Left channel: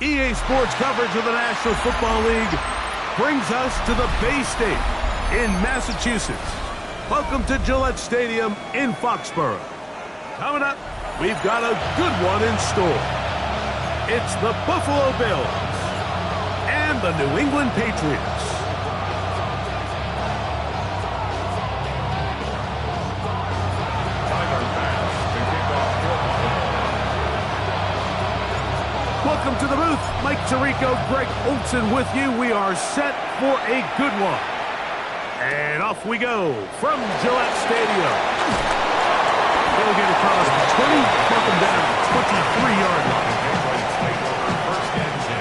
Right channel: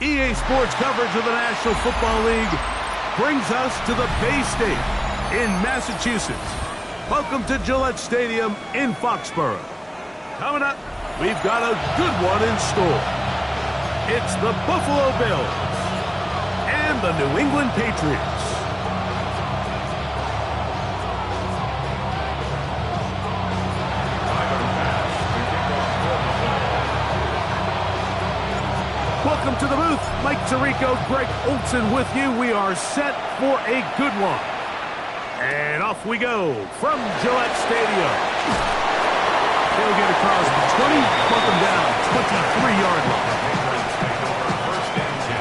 EA Sports coverage of the National Football League brings us to the Bay State in Massachusetts. Welcome to Gillette Stadium in Foxborough. Coming up, we've got a good one in store. It's the Buffalo Bills and the New England Patriots. Welcome to the booth. Mike Tirico, Greg Olson with you. We are set for a good one. And off we go from Gillette Stadium. They'll get across the 20, bump them down 23-yard line. Take over first and 10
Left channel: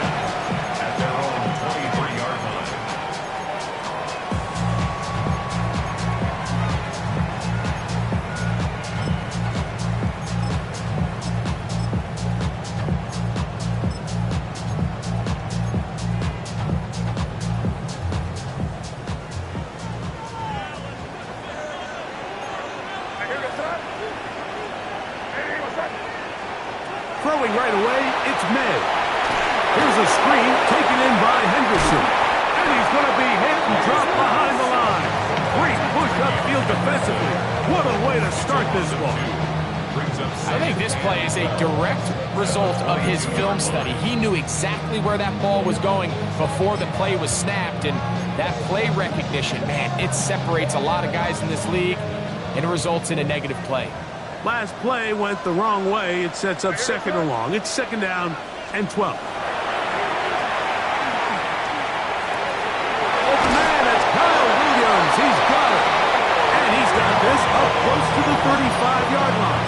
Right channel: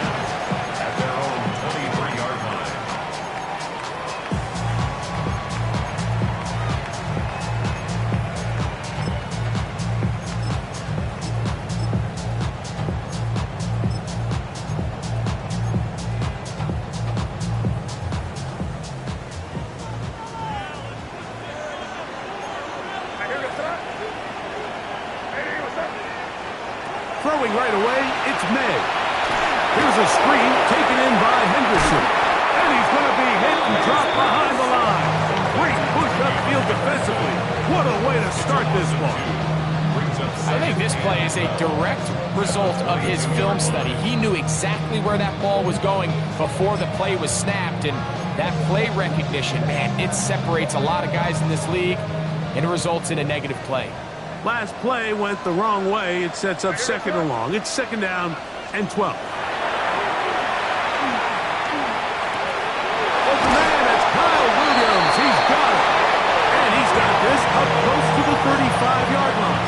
at their own 23-yard line. Throwing right away, it's May. Here's a screen taken in by Henderson. And he's going to be hit and dropped behind the line. Great push upfield defensively. What a way to start this one. I think this play is a direct result of his film study. He knew exactly where that ball was going before the play was snapped. And that play recognition, man, it separates a lot of guys in this league, and it results in a negative play. Last play went the wrong way. It sets up second and long. It's second down and 12. Open man, that's Kyle Williams. He's got it. And he's got this up close to the 35-yard line.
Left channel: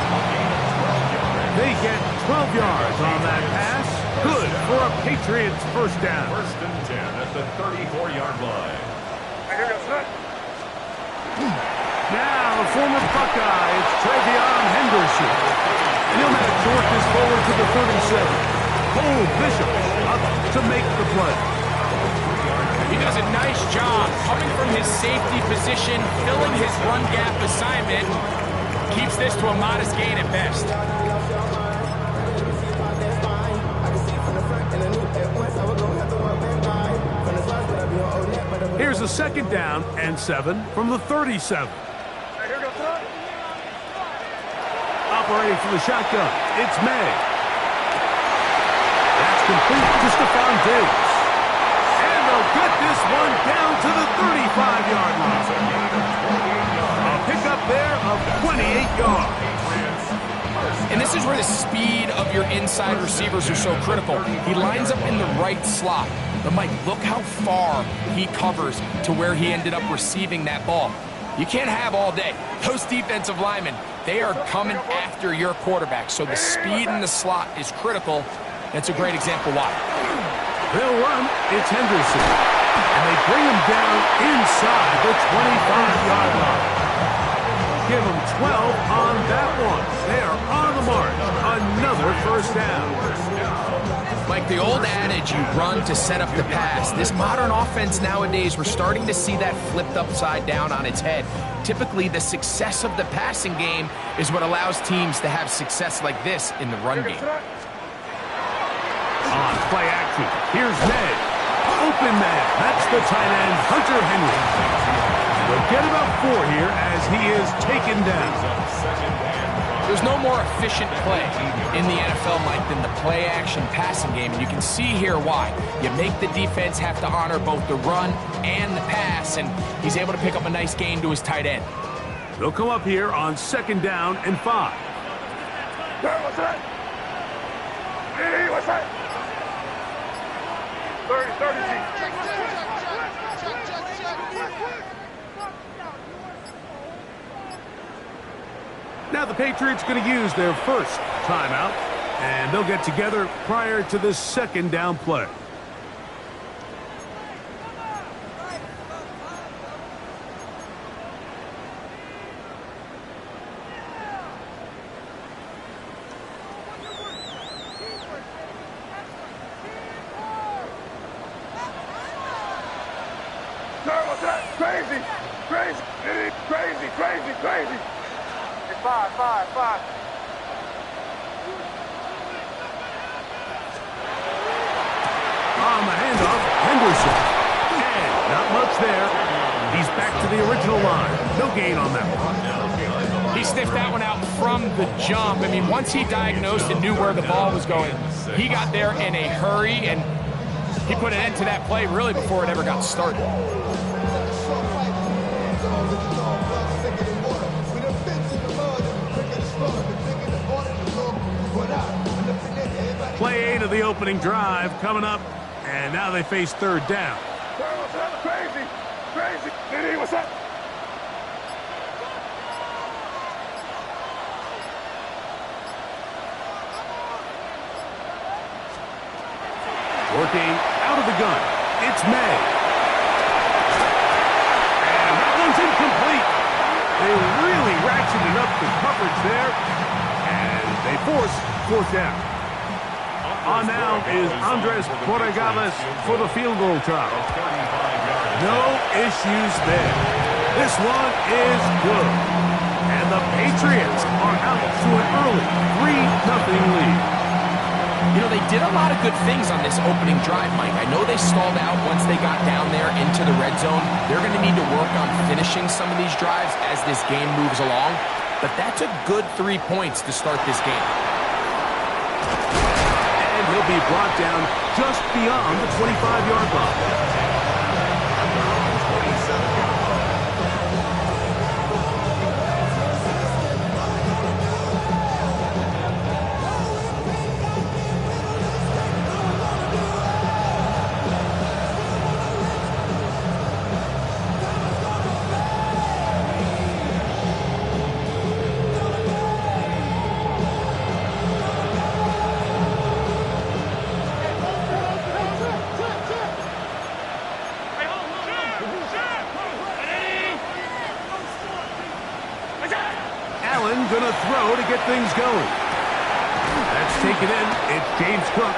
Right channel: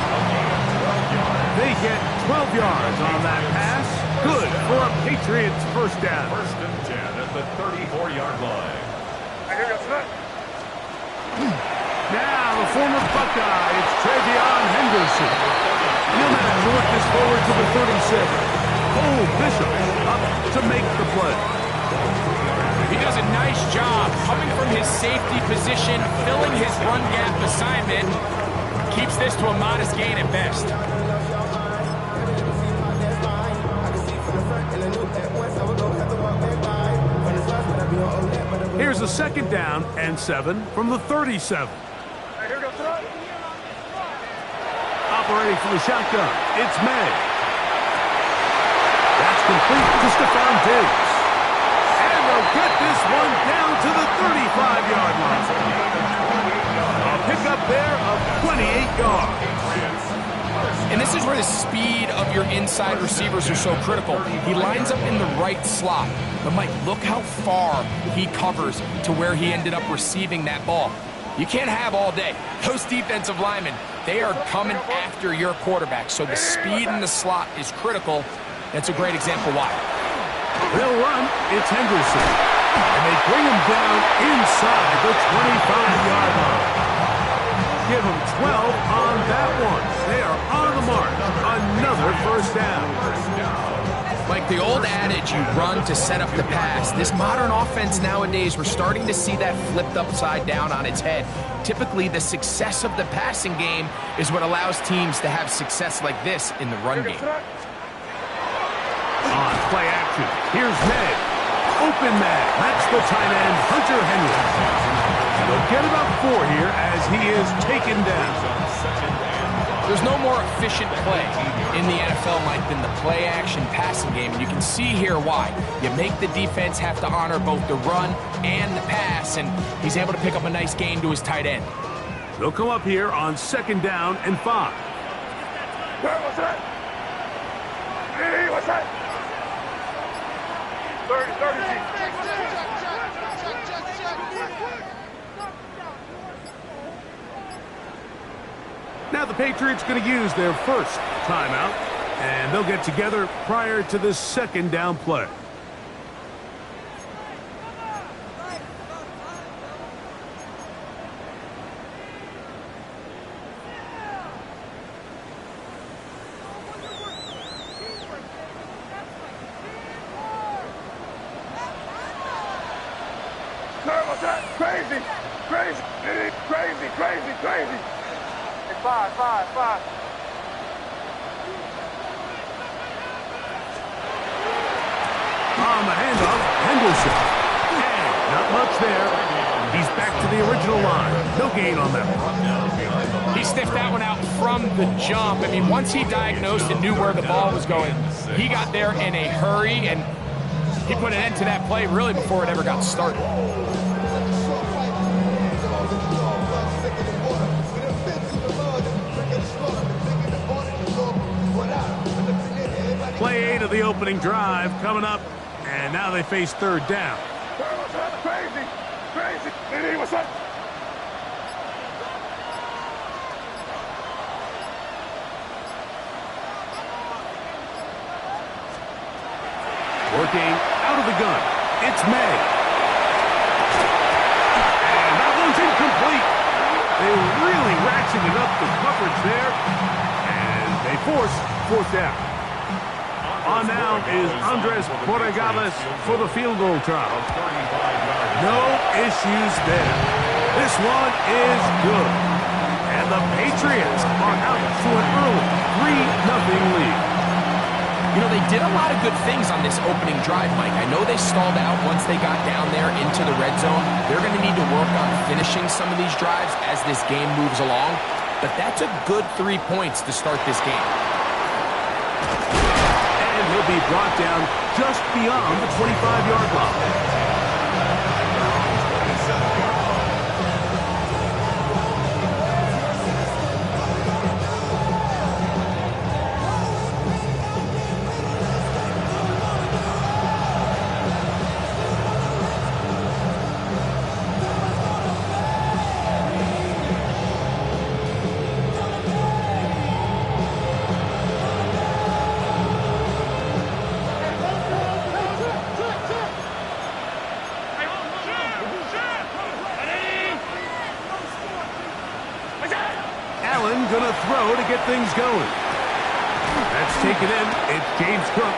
They get 12 yards on that pass. Good for a Patriots first down. First and 10 at the 34-yard line. Now, the former Buckeye, it's Travion Henderson. And he'll manage to work this forward to the 37. Cole Bishop up to make the play. He does a nice job coming from his safety position, filling his run gap assignment, keeps this to a modest gain at best. Here's a second down and 7 from the 37. Operating from the shotgun, it's May. That's complete to Stephon Diggs. And they'll get this one down to the 35-yard line. A pickup there of 28 yards. And this is where the speed of your inside receivers are so critical. He lines up in the right slot. But, Mike, look how far he covers to where he ended up receiving that ball. You can't have all day. Those defensive linemen, they are coming after your quarterback. So the speed in the slot is critical. That's a great example why. They'll run. It's Henderson. And they bring him down inside the 25-yard line. Give them 12 on that one. They are on the mark. Another first down. Like the old adage, you run to set up the pass. This modern offense nowadays, we're starting to see that flipped upside down on its head. Typically, the success of the passing game is what allows teams to have success like this in the run game. On play action, here's May. Open man. That's the tight end, Hunter Henry. They'll get about 4 here as he is taken down. There's no more efficient play in the NFL, Mike, than the play-action passing game. And you can see here why. You make the defense have to honor both the run and the pass, and he's able to pick up a nice gain to his tight end. They'll come up here on second down and 5. What's that? Hey, what's that? 30. Now the Patriots going to use their first timeout, and they'll get together prior to the second down play. What's that? Crazy. Five. On the handoff, Henderson. And not much there. He's back to the original line. No gain on that one. He sniffed that one out from the jump. I mean, once he diagnosed and knew where the ball was going, he got there in a hurry, and he put an end to that play really before it ever got started. Play 8 of the opening drive coming up, and now they face third down. What's that? Crazy. Crazy. Diddy, what's that? Working out of the gun. It's May. And that one's incomplete. They really ratcheted up the coverage there, and they force fourth down. On now is Andres Borregales for the field goal try. No issues there. This one is good. And the Patriots are out to an early 3-0 lead. You know, they did a lot of good things on this opening drive, Mike. I know they stalled out once they got down there into the red zone. They're going to need to work on finishing some of these drives as this game moves along. But that's a good 3 points to start this game. And he'll be brought down just beyond the 25-yard line. Gonna throw to get things going. That's taken in. It's James Cook.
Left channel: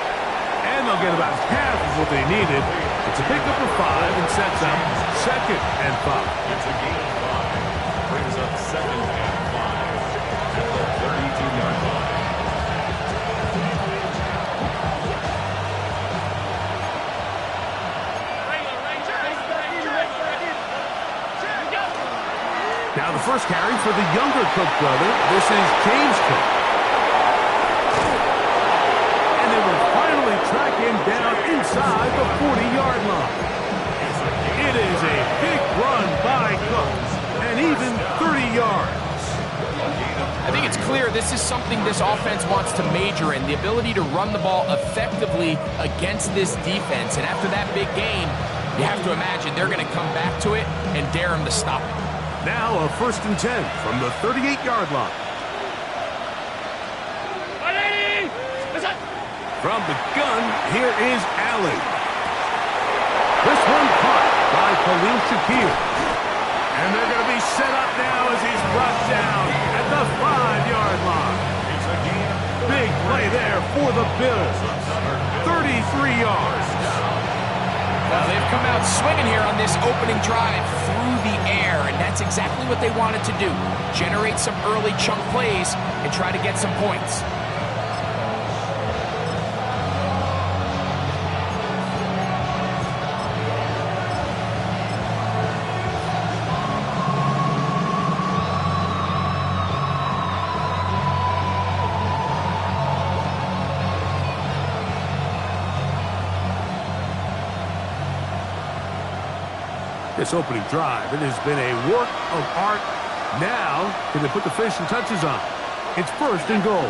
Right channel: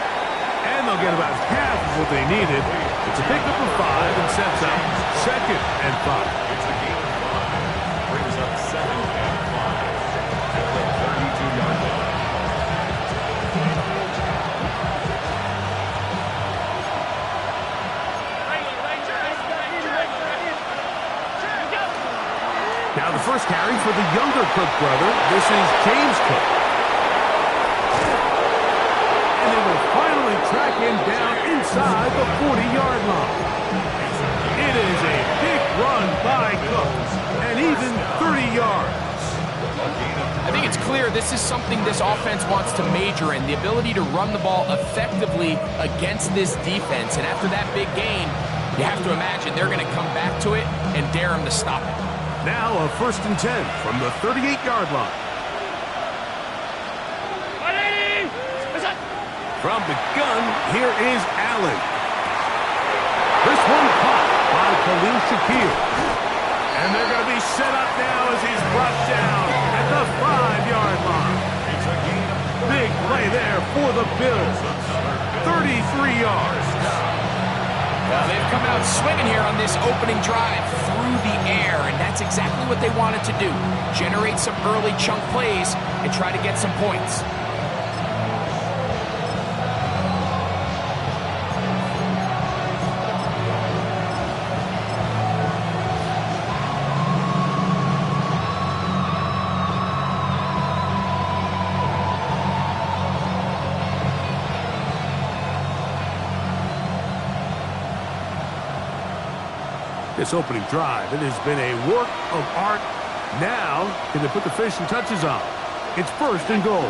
And they'll get about half of what they needed. It's a pickup of 5 and sets up 2nd and 5. It's a gain of 5. Brings up 2nd and 5 at the 32-yard line. Now the first carry for the younger Cook brother. This is James Cook. And they will finally track him down inside the 40-yard line. It is a big run by Cook, and even 30 yards. I think it's clear this is something this offense wants to major in, the ability to run the ball effectively against this defense. And after that big gain, you have to imagine they're going to come back to it and dare him to stop it. Now a 1st and 10 from the 38-yard line. From the gun, here is Allen. This one caught by Khalil Shakir. And they're going to be set up now as he's brought down at the 5-yard line. Big play there for the Bills. 33 yards. Now they've come out swinging here on this opening drive through the air, and that's exactly what they wanted to do. Generate some early chunk plays and try to get some points. This opening drive, it has been a work of art. Now, can they put the finishing touches on? It's 1st and goal.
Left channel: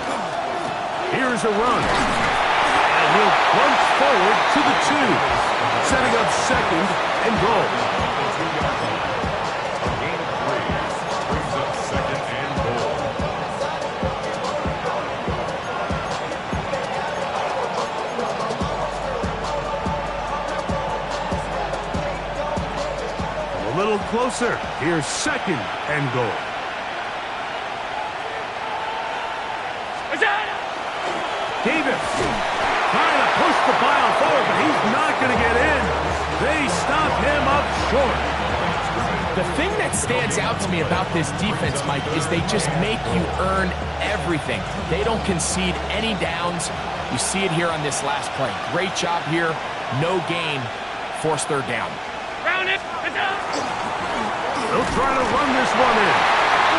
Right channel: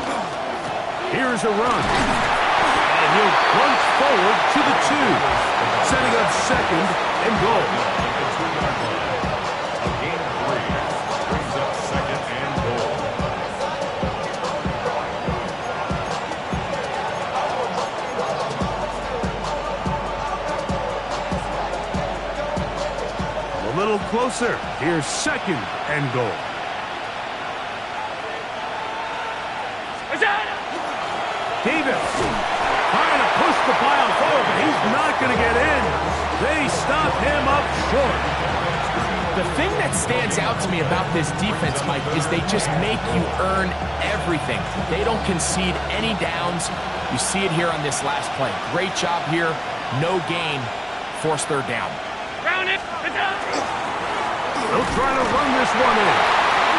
Here's a run. And he'll plunge forward to the 2, setting up 2nd and goal. A gain of 3 brings up 2nd and goal. A little closer. Here's 2nd and goal. Davis trying to push the pile forward, but he's not going to get in. They stop him up short. The thing that stands out to me about this defense, Mike, is they just make you earn everything. They don't concede any downs. You see it here on this last play. Great job here No gain, force third down. Round it. They'll try to run this one in.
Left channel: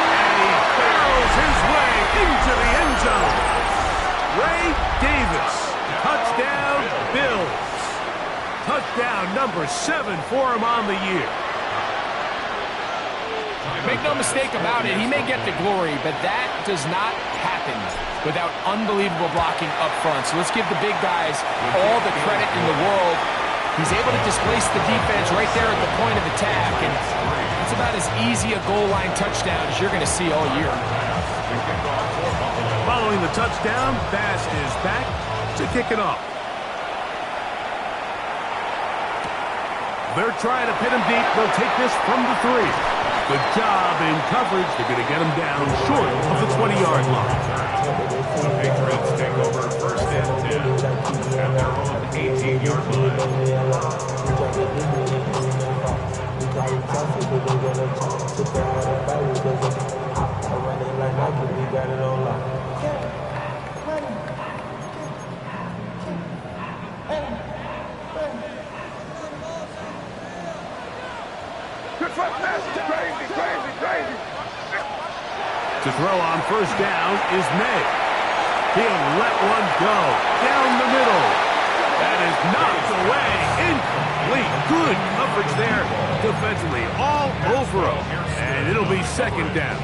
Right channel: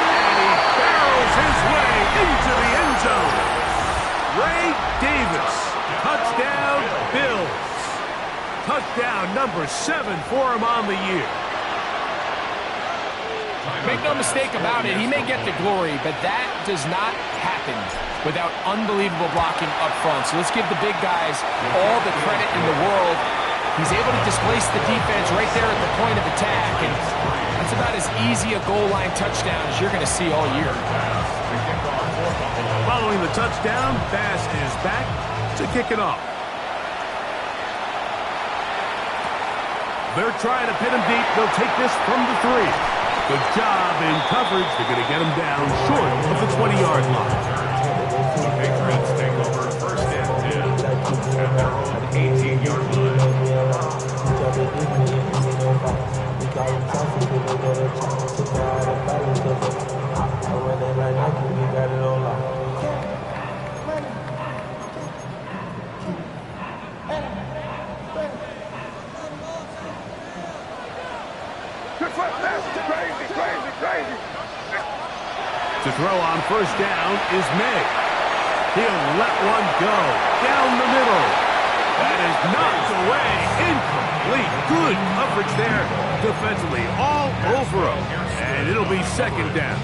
And he barrels his way into the end zone. Ray Davis. Touchdown, Bills. Touchdown number 7 for him on the year. Make no mistake about it, he may get the glory, but that does not happen without unbelievable blocking up front. So let's give the big guys all the credit in the world. He's able to displace the defense right there at the point of attack, and that's about as easy a goal line touchdown as you're going to see all year. Following the touchdown, Bass is back to kick it off. They're trying to pin him deep. They'll take this from the 3. Good job in coverage. They're going to get him down short of the 20-yard line. The Patriots take over first and 10 at their own 18-yard line. To throw on first down is May. He'll let one go down the middle. That is knocked away. Incomplete. Good coverage there defensively all over him. And it'll be second down.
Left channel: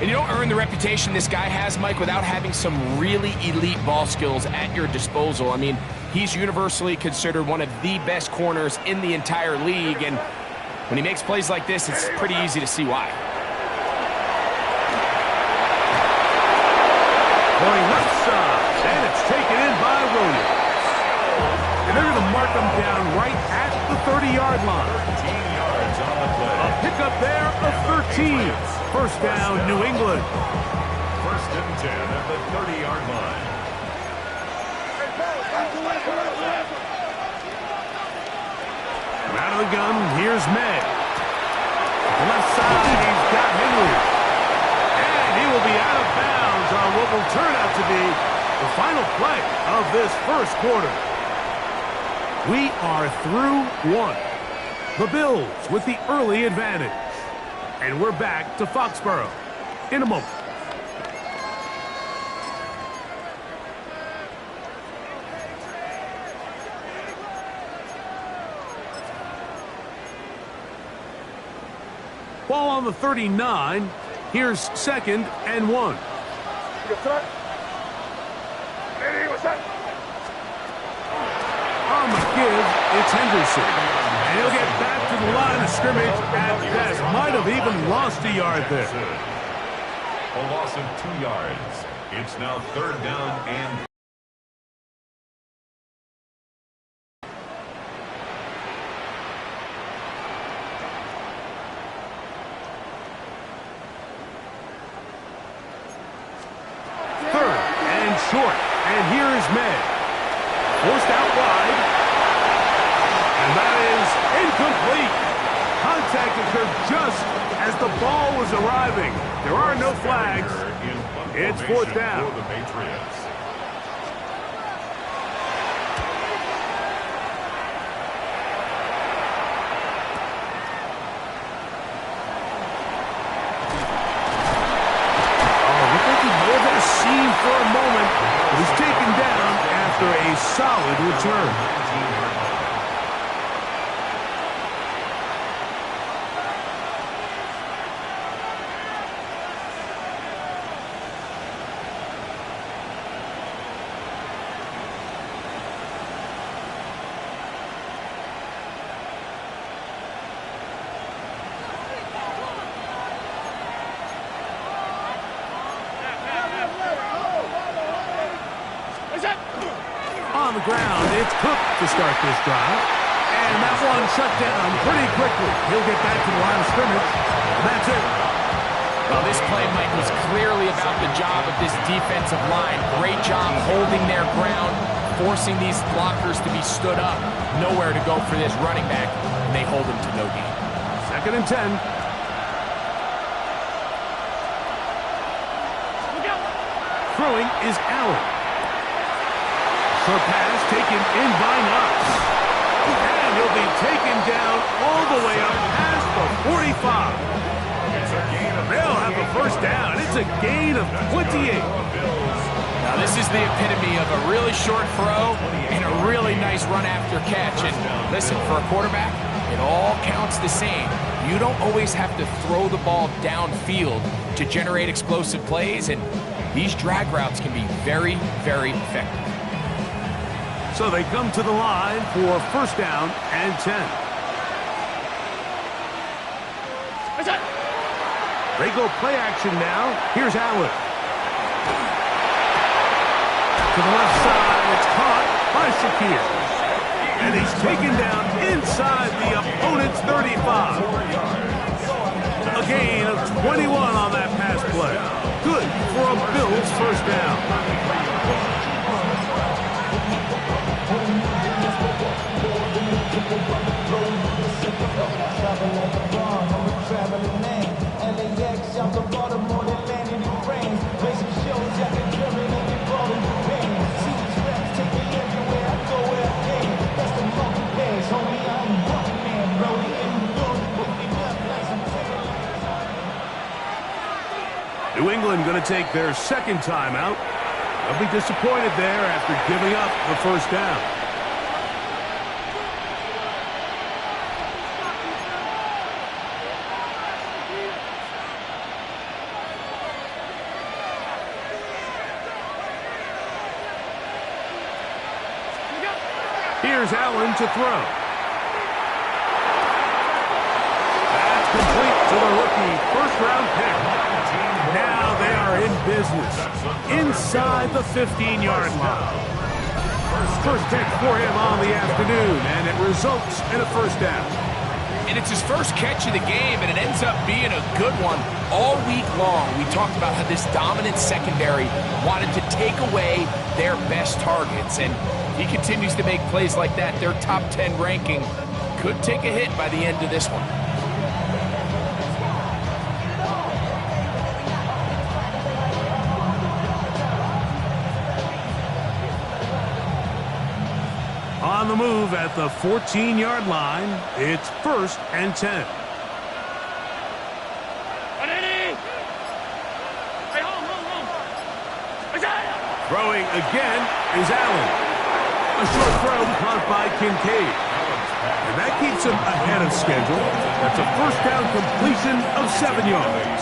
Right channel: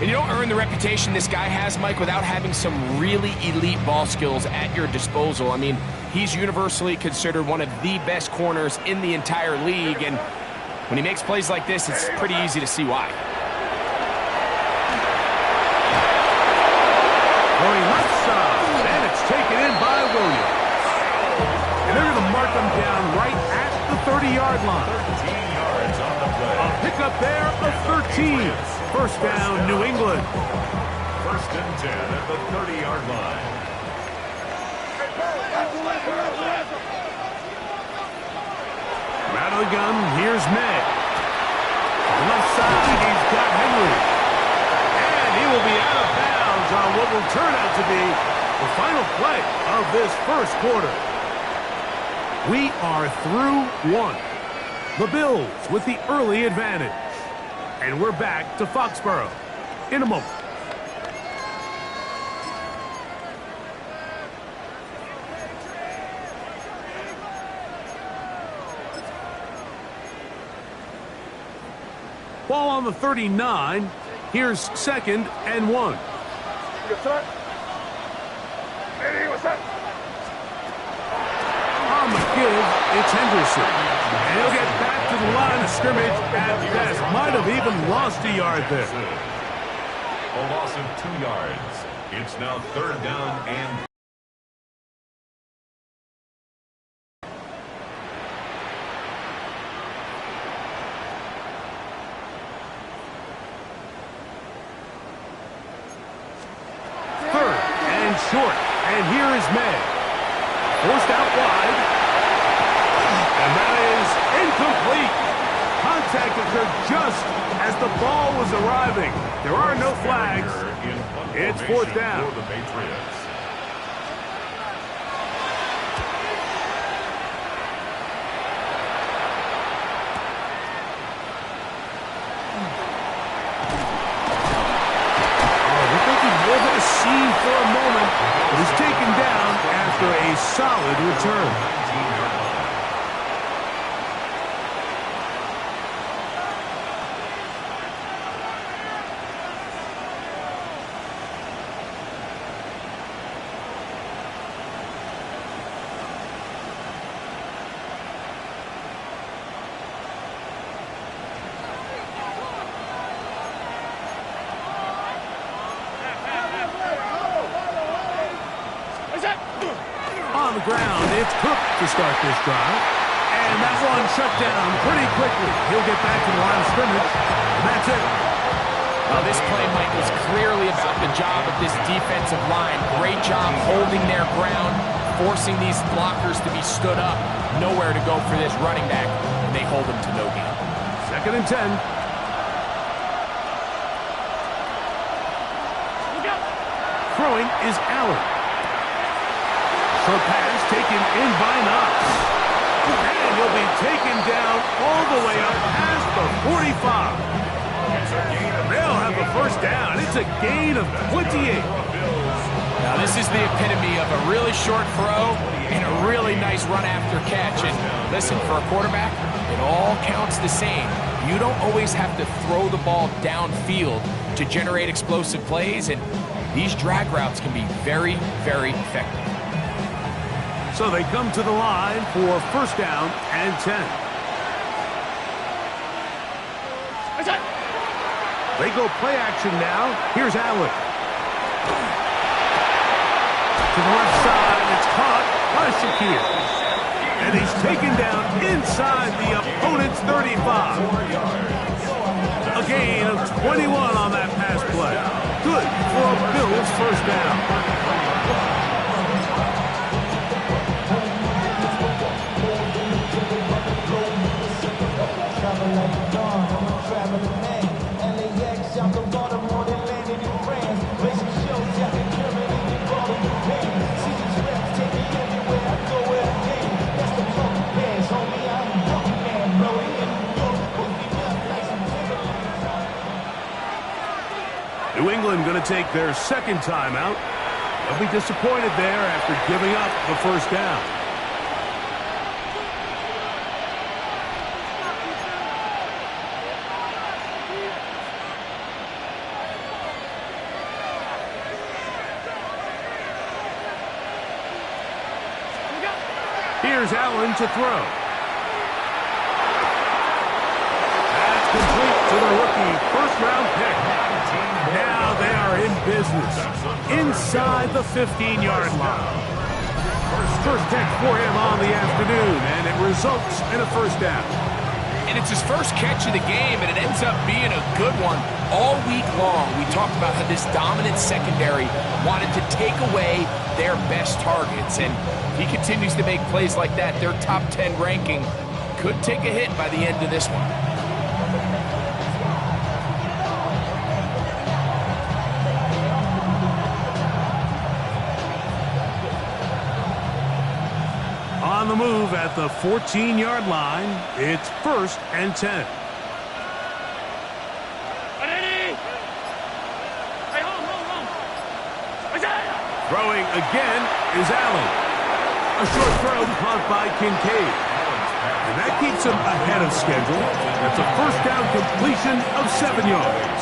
And you don't earn the reputation this guy has, Mike, without having some really elite ball skills at your disposal. I mean, he's universally considered one of the best corners in the entire league. And when he makes plays like this, it's pretty easy to see why. Going left side, and it's taken in by Williams. And they're going to mark him down right at the 30-yard line. 13 yards on the play. A pickup there of 13. First down, New England. First and 10 at the 30-yard line. Out of the gun, here's May. The left side, he's got Henry. And he will be out of bounds on what will turn out to be the final play of this first quarter. We are through one. The Bills with the early advantage. And we're back to Foxborough in a moment. Ball on the 39. Here's second and 1. On the give, it's Henderson. And he'll get back to the line of scrimmage at best. Might have even lost a yard there. A loss of 2 yards. It's now third down and... short, and here is May. Forced out wide, and that is incomplete. Contact occurred just as the ball was arriving. There are no flags. It's fourth down. For the Patriots. Seen for a moment, but he's taken down after a solid return. 19-yard line. On the ground, it's Cook to start this drive. And that one shut down pretty quickly. He'll get back to the line of scrimmage. And that's it. Well, this play, Mike, was clearly about the job of this defensive line. Great job holding their ground, forcing these blockers to be stood up. Nowhere to go for this running back, and they hold him to no gain. Second and 10. Throwing is Allen. Short pass taken in by Knox. And he'll be taken down all the way up past the 45. They'll have a first down. It's a gain of 28. Now, this is the epitome of a really short throw and a really nice run after catch. And listen, for a quarterback, it all counts the same. You don't always have to throw the ball downfield to generate explosive plays, and these drag routes can be very, very effective. So they come to the line for first down and 10. They go play action now. Here's Allen. To the left side, it's caught by Shakir. And he's taken down inside the opponent's 35. A gain of 21 on that pass play. Good for a Bills first down. Travel like a bond, I'm a traveling man. LAX, I'm the Baltimore that landed in France. Racing shows out in Germany and brought in Japan. See these reps take me everywhere I go where I can. That's the monkey pass, homie, I'm walking man. Rolling in New York, hooking up like some Timberlands. New England going to take their second timeout. They'll be disappointed there after giving up the first down. Here's Allen to throw. That's complete to the rookie first-round pick. Now they are in business inside the 15-yard line. First pick for him on the afternoon, and it results in a first down. And it's his first catch of the game, and it ends up being a good one. All week long, we talked about how this dominant secondary wanted to take away their best targets, and he continues to make plays like that. Their top 10 ranking could take a hit by the end of this one. On the move at the 14-yard line, it's first and 10. Throwing again is Allen. A short throw caught by Kincaid. And that keeps him ahead of schedule. That's a first down completion of 7 yards.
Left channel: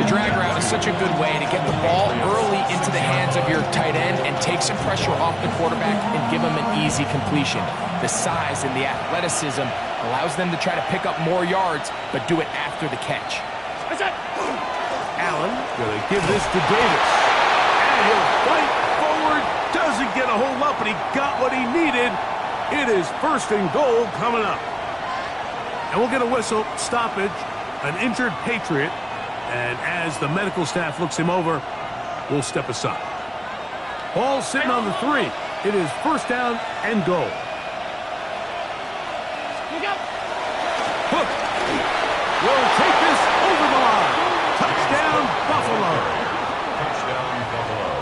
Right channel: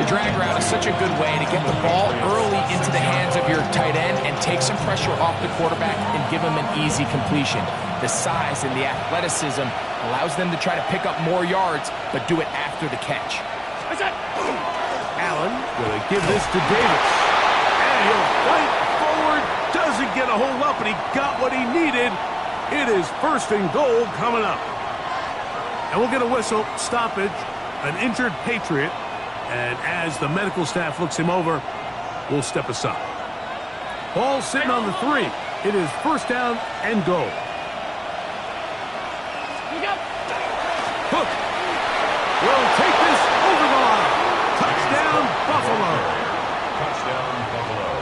The drag route is such a good way to get the ball early into the hands of your tight end and take some pressure off the quarterback and give him an easy completion. The size and the athleticism allows them to try to pick up more yards, but do it after the catch. Allen going to give this to Davis. And he'll fight forward. Doesn't get a hold up, and he got what he needed. It is first and goal coming up. And we'll get a whistle, stoppage, an injured Patriot. And as the medical staff looks him over, we'll step aside. Ball sitting on the 3. It is first down and goal. Hook will take this over the line. Touchdown, Buffalo. Touchdown, Buffalo.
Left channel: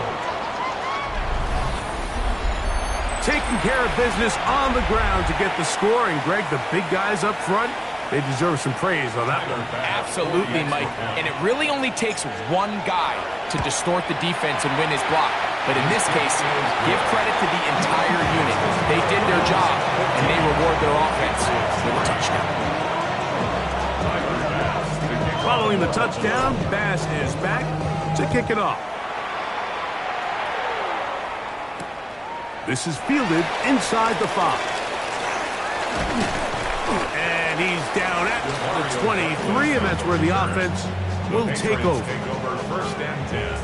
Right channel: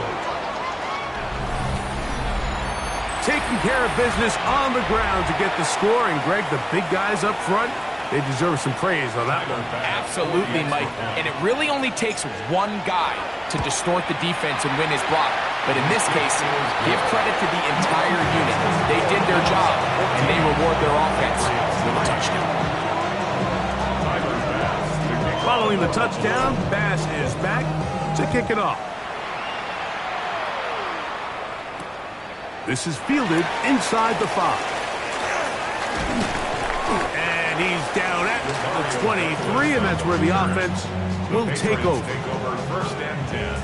Taking care of business on the ground to get the score. And, Greg, the big guys up front, they deserve some praise on that one. Absolutely, Mike. And it really only takes one guy to distort the defense and win his block. But in this case, give credit to the entire unit. They did their job, and they reward their offense with a touchdown. Following the touchdown, Bass is back to kick it off. This is fielded inside the 5. And he's down at the 23, and that's where the offense will take over. Take over first and 10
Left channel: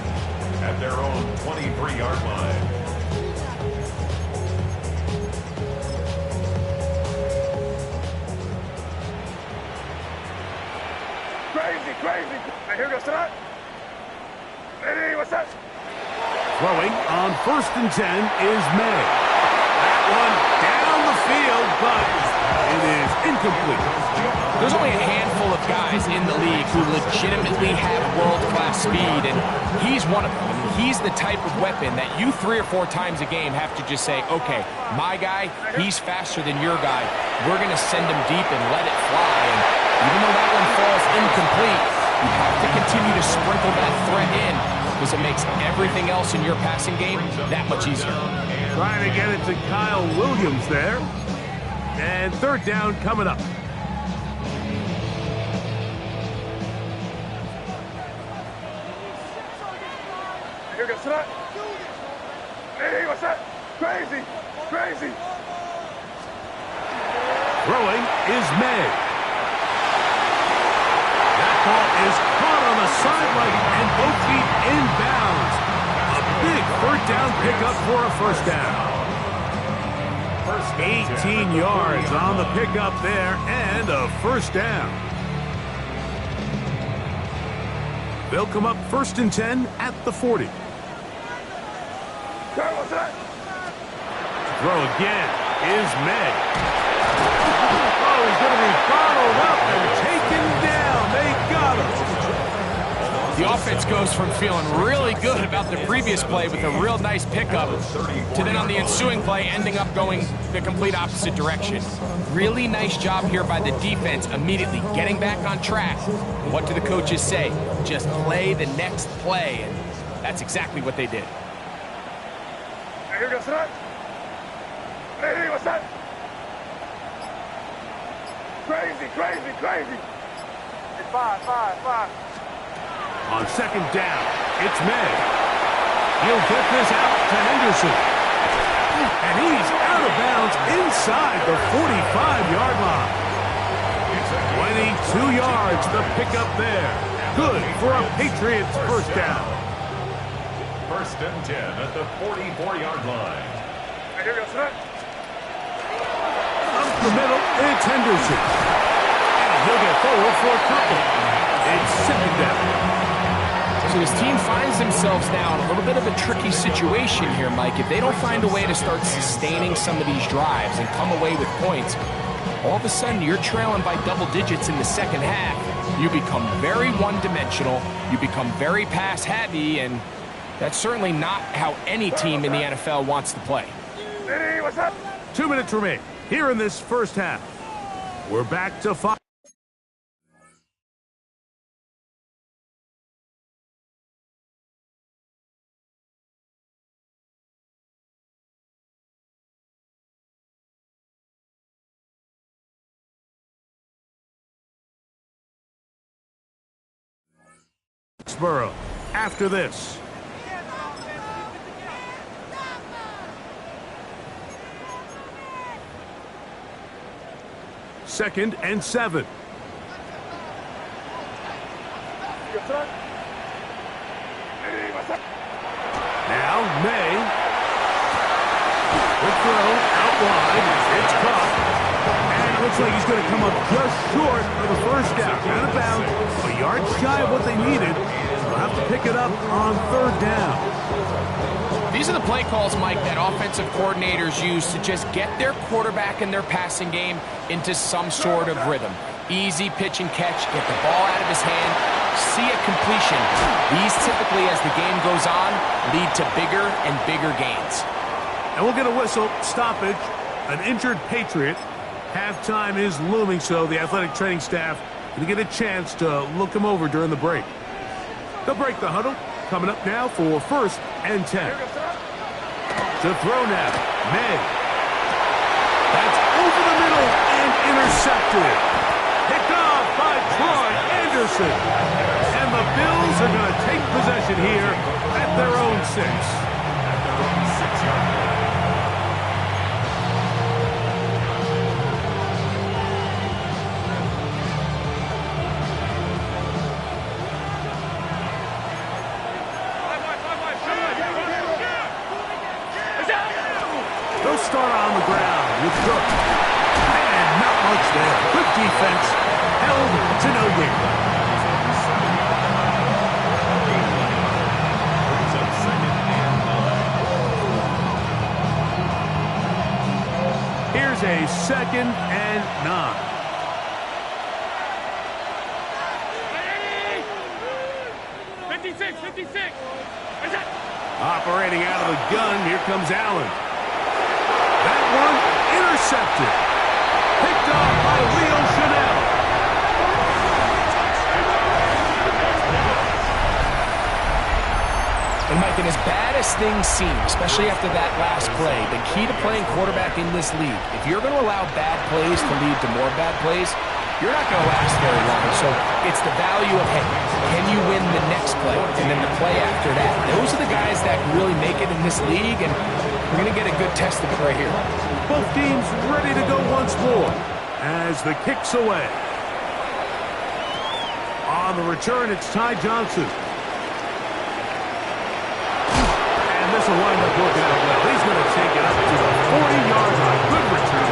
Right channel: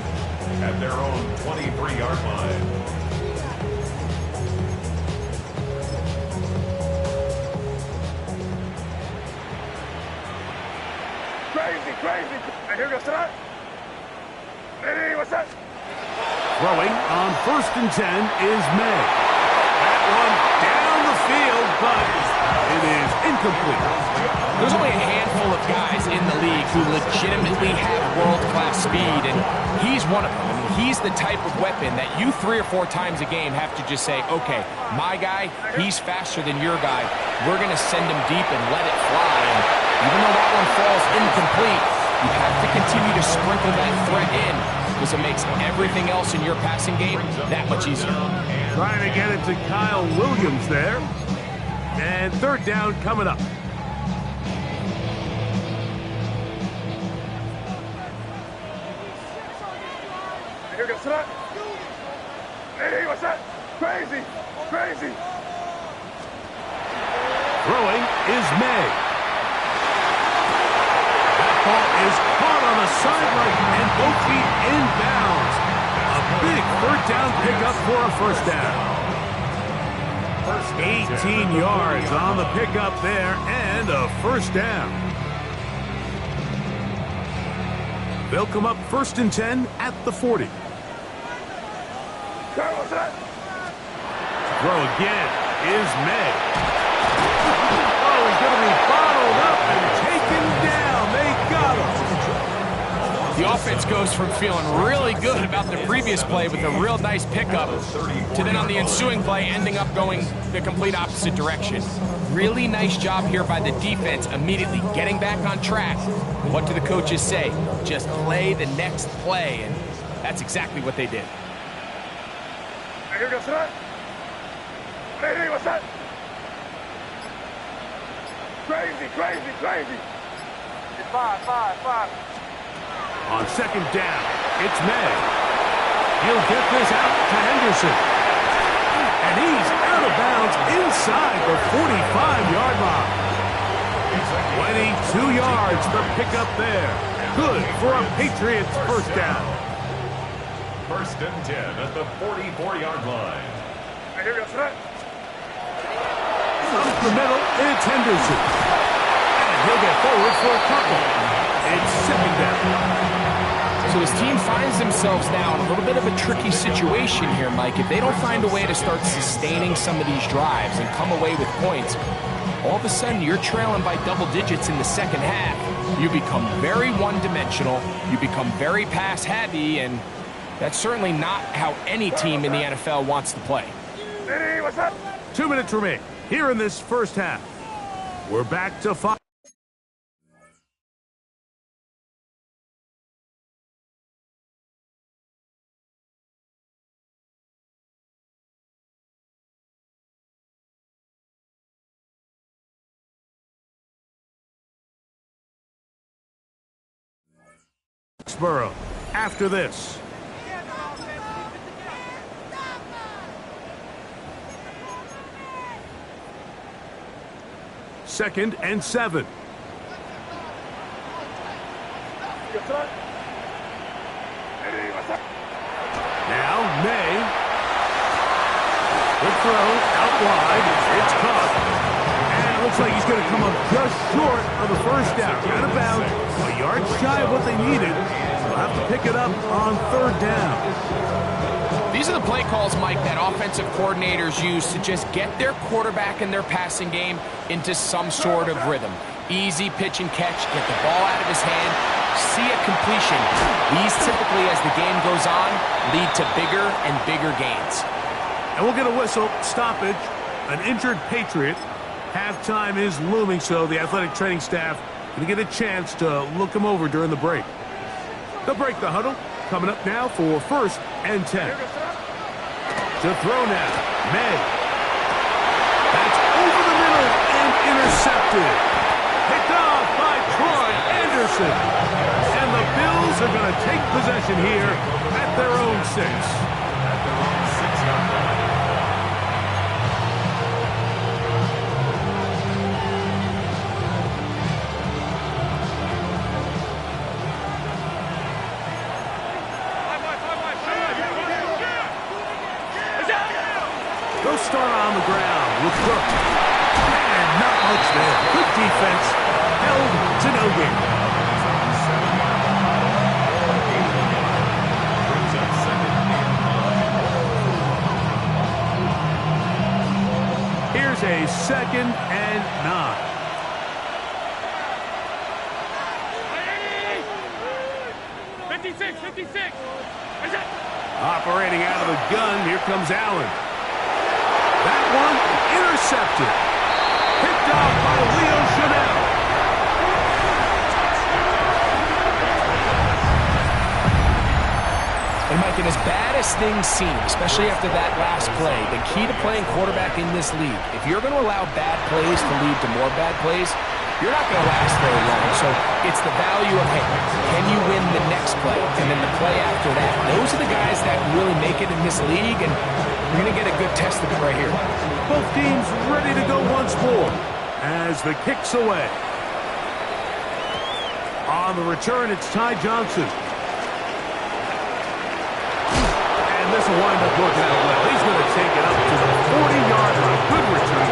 at their own 23-yard line. Crazy. And here goes tonight. Ready, what's that? Throwing on first and 10 is May. That one down the field, but it is incomplete. There's only a handful of guys in the league who legitimately have world-class speed, and he's one of them. I mean, he's the type of weapon that you 3 or 4 times a game have to just say, okay, my guy, he's faster than your guy. We're going to send him deep and let it fly. And even though that one falls incomplete, you have to continue to sprinkle that threat in because it makes everything else in your passing game that much easier. Trying to get it to Kyle Williams there. And third down coming up. Here goes that. Hey, what's that? Crazy, crazy. Throwing is May. That ball is caught on the sideline and both feet inbounds. A big third down pickup for a first down. 18 yards on the pickup there and a first down. They'll come up 1st and 10 at the 40. What's that? Throw again is May. Oh, he's going to be bottled up and taken down. They got him. The offense goes from feeling really good about the previous play with a real nice pickup to then on the ensuing play ending up going the complete opposite direction. Really nice job here by the defense immediately getting back on track. What do the coaches say? Just play the next play, and that's exactly what they did. Here goes that. Hey, what's that? Crazy, crazy, crazy. It's five. On second down, it's May. He'll get this out to Henderson. And he's out of bounds inside the 45-yard line. 22 yards, the pickup there. Good for a Patriots first down. 1st and 10 at the 44-yard line. Here goes that. Up the middle, it's Henderson. And he'll get forward for a couple. It's second down. So this team finds themselves now in a little bit of a tricky situation here, Mike. If they don't find a way to start sustaining some of these drives and come away with points, all of a sudden you're trailing by double digits in the second half. You become very one-dimensional, you become very pass-heavy, and that's certainly not how any team in the NFL wants to play. Hey, what's that? 2 minutes remain here in this first half. We're back to 5. Foxborough after this. Second and 7. Hey, what's that? Now May. Quick throw out wide. It's caught. And it looks like he's going to come up just short of the first down. Out of bounds. A yard shy of what they needed. They'll have to pick it up on third down. These are the play calls, Mike, that offensive coordinators use to just get their quarterback and their passing game into some sort of rhythm. Easy pitch and catch, get the ball out of his hand, see a completion. These typically, as the game goes on, lead to bigger and bigger gains. And we'll get a whistle, stoppage, an injured Patriot. Halftime is looming, so the athletic training staff going to get a chance to look him over during the break. They'll break the huddle. Coming up now for 1st and 10. To throw now, May. That's over the middle and intercepted. Picked off by Troy Anderson. And the Bills are going to take possession here at their own 6. At their own 6-yard line. They'll start on the ground with Cook. And not much there. Good defense. Held to no gain. Brings up 2nd and 9. Here's a 2nd and 9. Operating out of the gun, here comes Allen. That one intercepted. Picked off by Leo Chanel. And Mike, and as bad as things seem, especially after that last play, the key to playing quarterback in this league, if you're going to allow bad plays to lead to more bad plays, you're not going to last very long. So it's the value of, hey, can you win the next play and then the play after that? Those are the guys that really make it in this league, and we're going to get a good test of it right here. Both teams ready to go once more as the kick's away. On the return, it's Ty Johnson. And this will wind up working out well. He's going to take it up to the 40-yard line. Good return.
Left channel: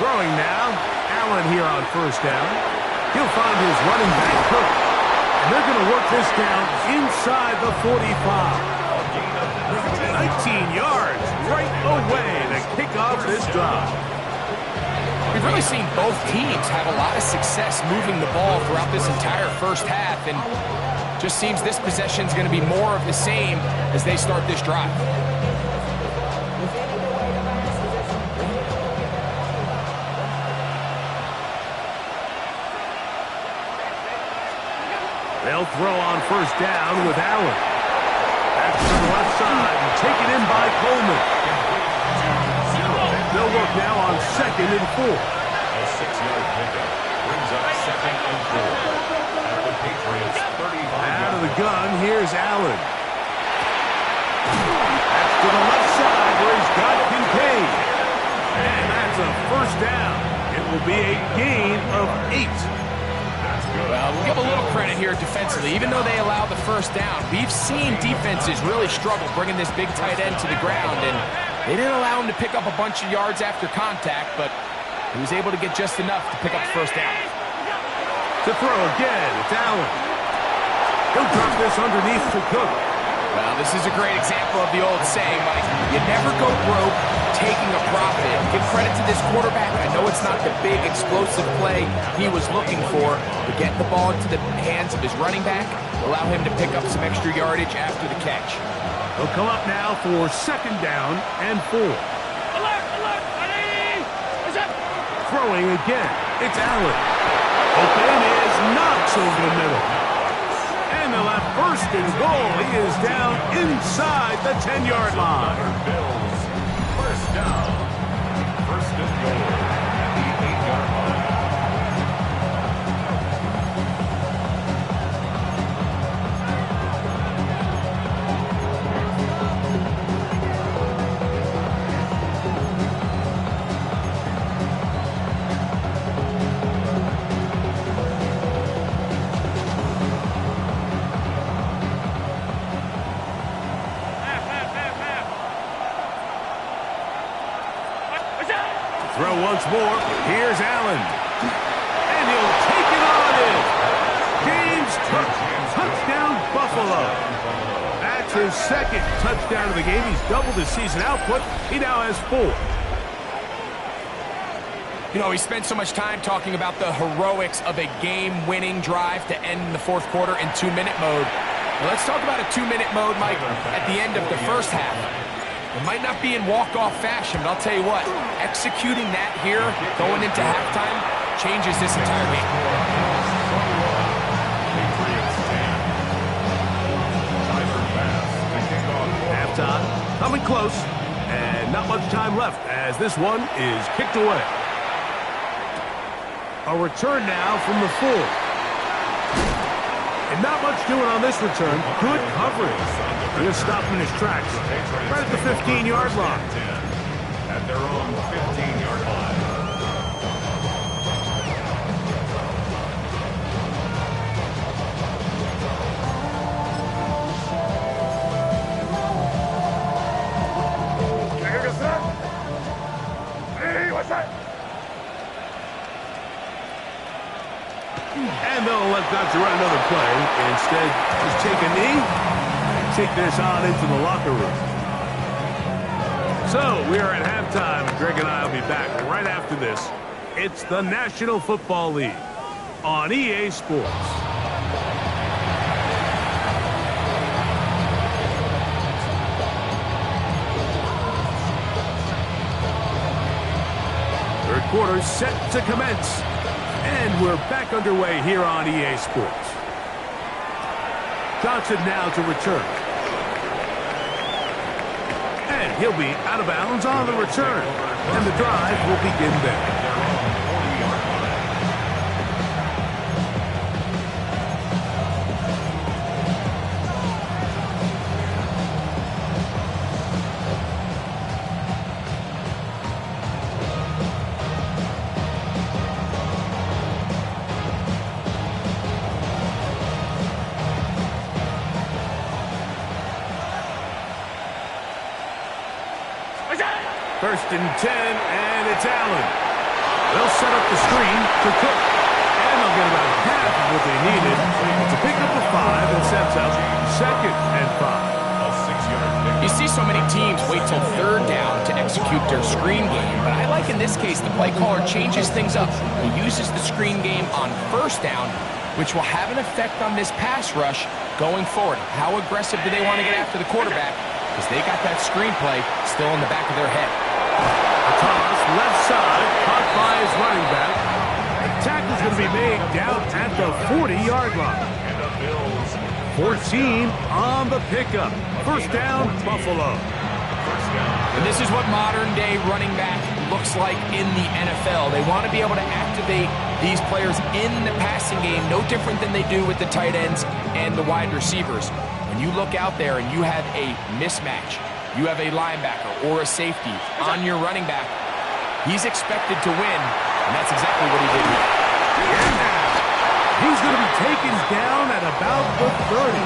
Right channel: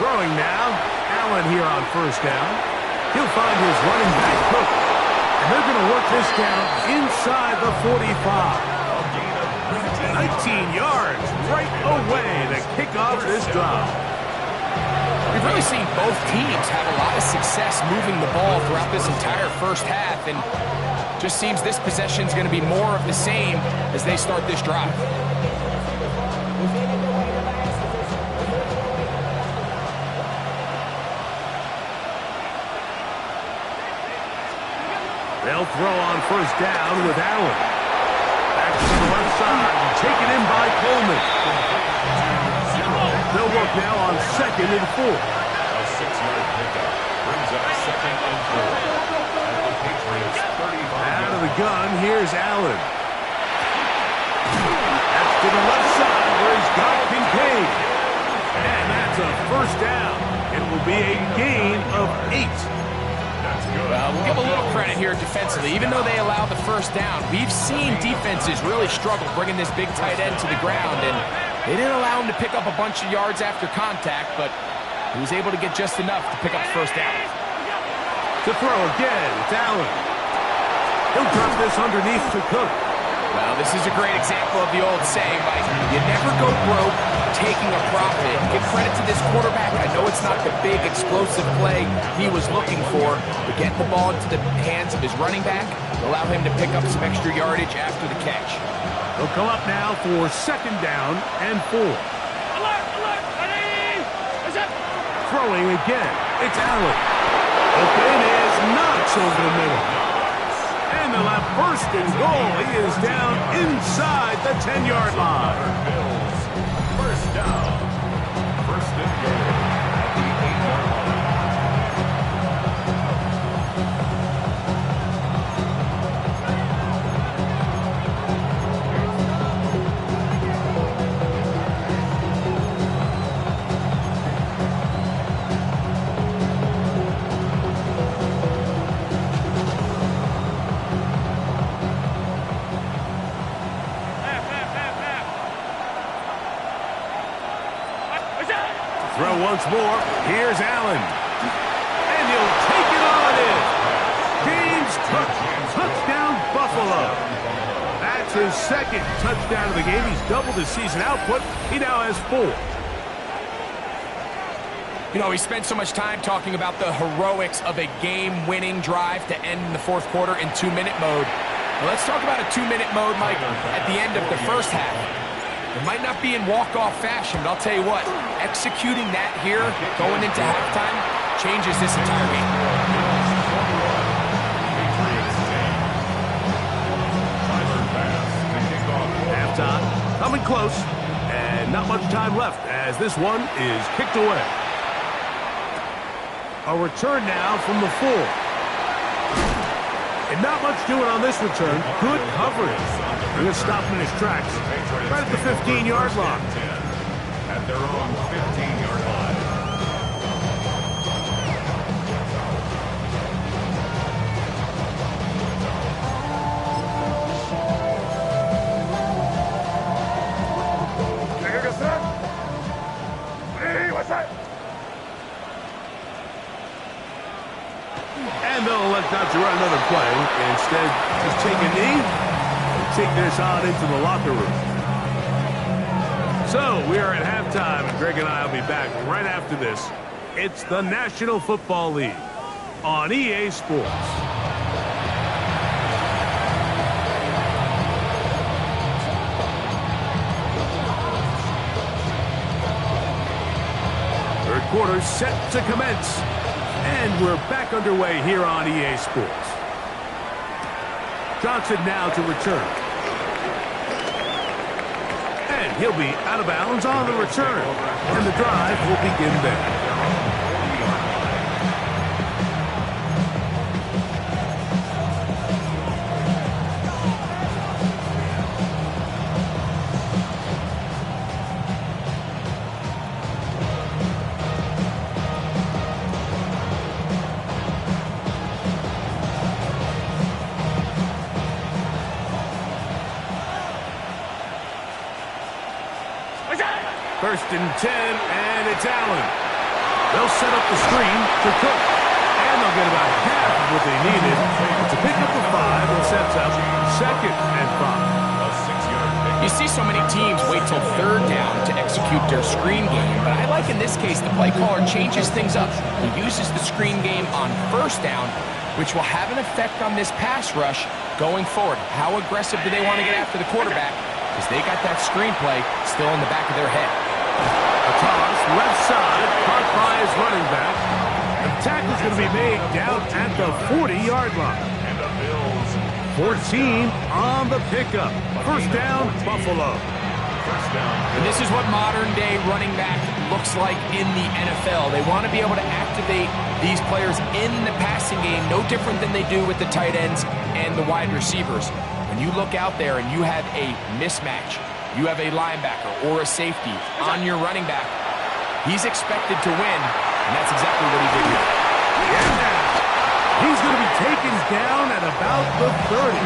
Throwing now, Allen here on 1st down. He'll find his running back, Cook. And they're going to work this down inside the 45. 19 yards right away to kick off this drive. We've really seen both teams have a lot of success moving the ball throughout this entire first half, and just seems this possession is going to be more of the same as they start this drive. They'll throw on 1st down with Allen. Back to the left side, taken in by Coleman. They'll work now on 2nd and 4. A 6-yard pickup brings up 2nd and 4 at the Patriots' 35. Out of the gun, here's Allen. That's to the left side where he's got Kincaid. And that's a 1st down. It will be a gain of 8. Well, we'll give a little credit here defensively. Even though they allow the 1st down, we've seen defenses really struggle bringing this big tight end to the ground, and they didn't allow him to pick up a bunch of yards after contact, but he was able to get just enough to pick up the 1st down. To throw again, it's Allen. He'll drop this underneath to Cook. Well, this is a great example of the old saying, Mike, you never go broke taking a profit. Give credit to this quarterback. I know it's not the big explosive play he was looking for, but getting the ball into the hands of his running back will allow him to pick up some extra yardage after the catch. They'll come up now for 2nd down and 4. Alert! Alert! Ready! Throwing again, it's Allen. Open is Knox over the middle. And they'll have 1st and goal. He is down inside the 10-yard line. Bills, 1st down. 1st and goal at the 8-yard line. Throw once more. Here's Allen. And he'll take it on in. James Cook, touchdown Buffalo. That's his 2nd touchdown of the game. He's doubled his season output. He now has 4. You know, we spent so much time talking about the heroics of a game-winning drive to end the 4th quarter in 2-minute mode. Well, let's talk about a 2-minute mode, Mike, at the end of the 1st half. It might not be in walk-off fashion, but I'll tell you what, executing that here, going into halftime, changes this entire game. Halftime, coming close, and not much time left as this one is kicked away. A return now from the 4. And not much doing on this return. Good coverage. They're going to stop him in his tracks right at the 15-yard line. At their own 15-yard line. And they'll elect not to run another play. Instead, just take a knee and take this on into the locker room. So, we are at halftime, and Greg and I will be back right after this. It's the National Football League on EA Sports. Third quarter set to commence. And we're back underway here on EA Sports. Johnson now to return. And he'll be out of bounds on the return. And the drive will begin there. Their own 40-yard line. First and 10, and it's Allen. They'll set up the screen to Cook. And they'll get about half of what they needed to pick up the 5 and sets up second and 5. A 6-yard pickup. You see so many teams wait till third down to execute their screen game, but I like in this case the play caller changes things up. He uses the screen game on first down, which will have an effect on this pass rush going forward. How aggressive do they want to get after the quarterback? Because they got that screenplay still in the back of their head. A toss, left side, caught by his running back. The tackle's going to be made down at the 40-yard line. And the Bills. 14 on the pickup. First down, Buffalo. First down. And this is what modern-day running back looks like in the NFL. They want to be able to activate these players in the passing game, no different than they do with the tight ends and the wide receivers. When you look out there and you have a mismatch, you have a linebacker or a safety on your running back, he's expected to win, and that's exactly what he did here. And now, he's going to be taken down at about the 30.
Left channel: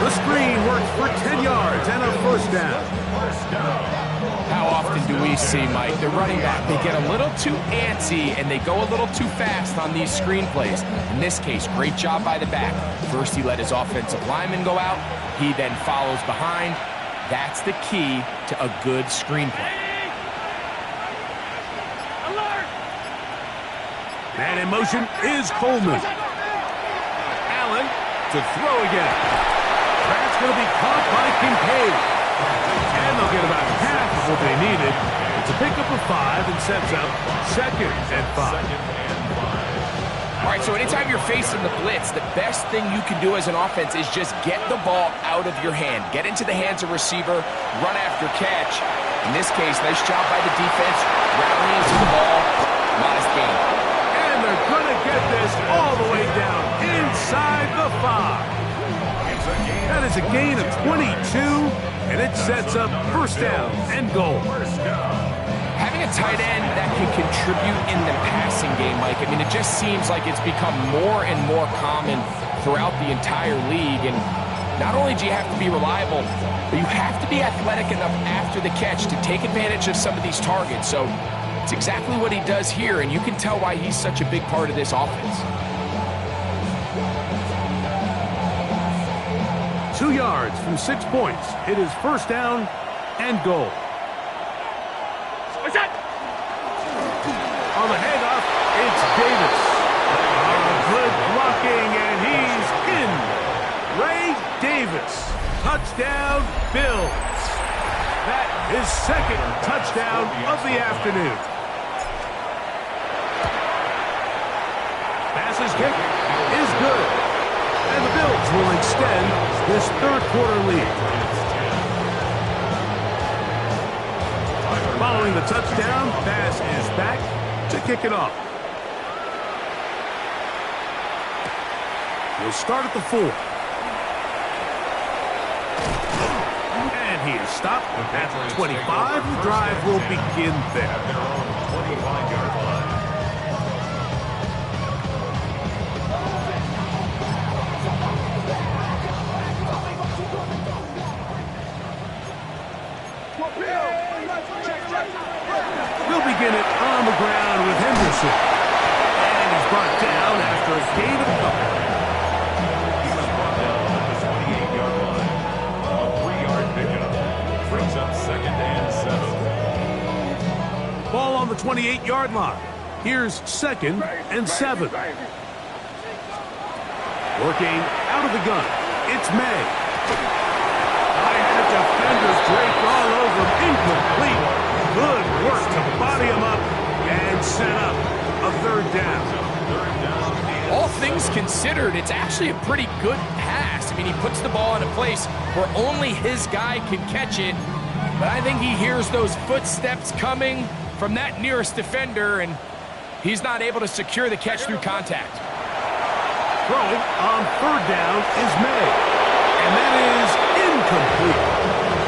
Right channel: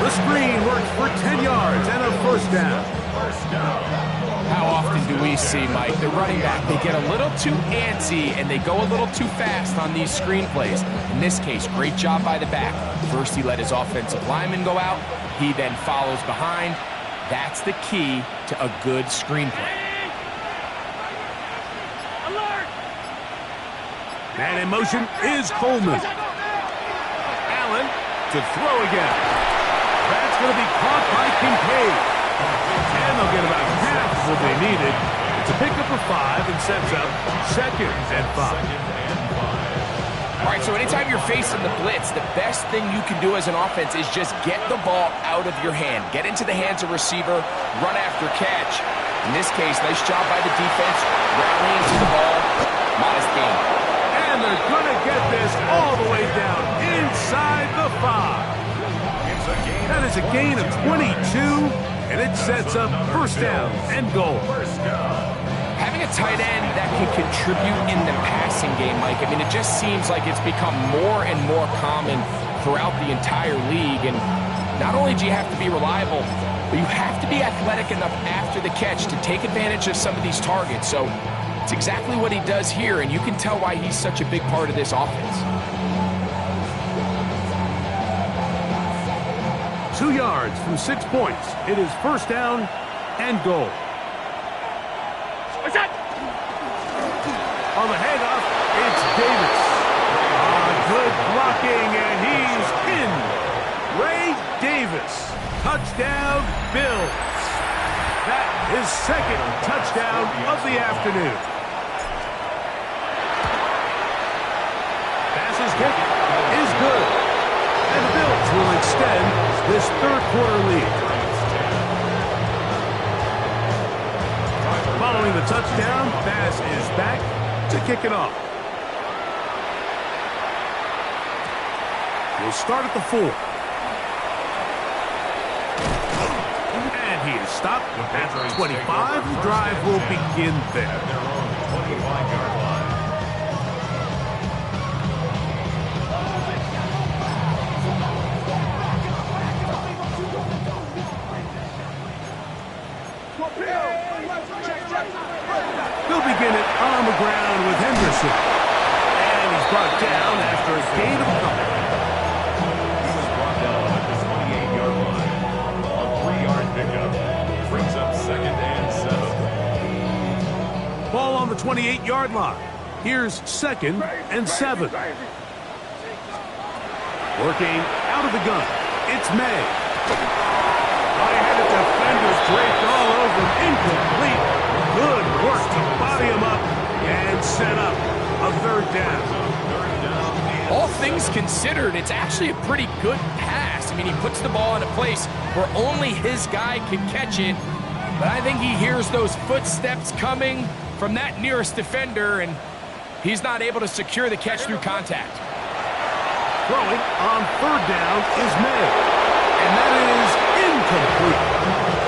The screen works for 10 yards and a first down. How often do we see, Mike, the running back, they get a little too antsy and they go a little too fast on these screen plays. In this case, great job by the back. First, he let his offensive lineman go out. He then follows behind. That's the key to a good screenplay. Man in motion is Coleman. Allen to throw again. That's going to be caught by Kincaid. And they'll get about half of what they needed to pick up a 5 and sets up second and 5. All right, so anytime you're facing the blitz, the best thing you can do as an offense is just get the ball out of your hand. Get into the hands of receiver, run after catch. In this case, nice job by the defense, rallying to the ball, modest gain. And they're going to get this all the way down inside the 5. That is a gain of 22, and it sets up first down and goal. Having a tight end that can contribute in the passing game, Mike, I mean, it just seems like it's become more and more common throughout the entire league. And not only do you have to be reliable, but you have to be athletic enough after the catch to take advantage of some of these targets. So it's exactly what he does here, and you can tell why he's such a big part of this offense. 2 yards from 6 points. It is first down and goal. On the handoff, it's Davis. Good blocking, and he's in. Ray Davis. Touchdown, Bills. That is second touchdown of the afternoon. Pass's kick is good. And the Bills will extend this third quarter lead. Following the touchdown, Bass is back to kick it off. He'll start at the 4. And he is stopped at the 25. The drive will begin there. At their own 25-yard line. The He'll begin it on the ground with Henderson. And he's brought down after a gain of a couple. He was brought down at the 28-yard line. A 3-yard pickup brings up 2nd and 7. Ball on the 28-yard line. Here's 2nd and 7. Working out of the gun. It's May. High-headed defender draped all over him. Incomplete. Good work to body him up and set up a 3rd down. All things considered, it's actually a pretty good pass. I mean, he puts the ball in a place where only his guy can catch it. But I think he hears those footsteps coming from that nearest defender, and he's not able to secure the catch through contact. Throwing on 3rd down is May. And that is incomplete.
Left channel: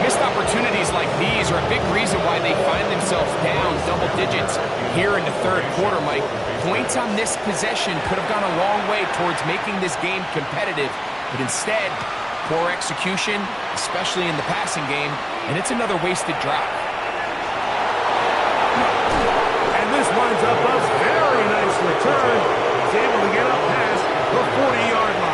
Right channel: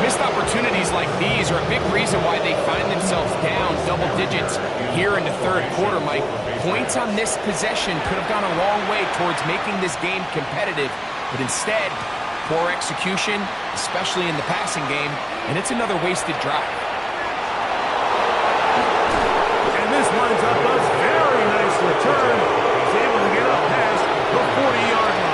Missed opportunities like these are a big reason why they find themselves down double digits here in the 3rd quarter, Mike. Points on this possession could have gone a long way towards making this game competitive, but instead, poor execution, especially in the passing game, and it's another wasted drive. And this winds up a very nice return. He's able to get up past the 40-yard line.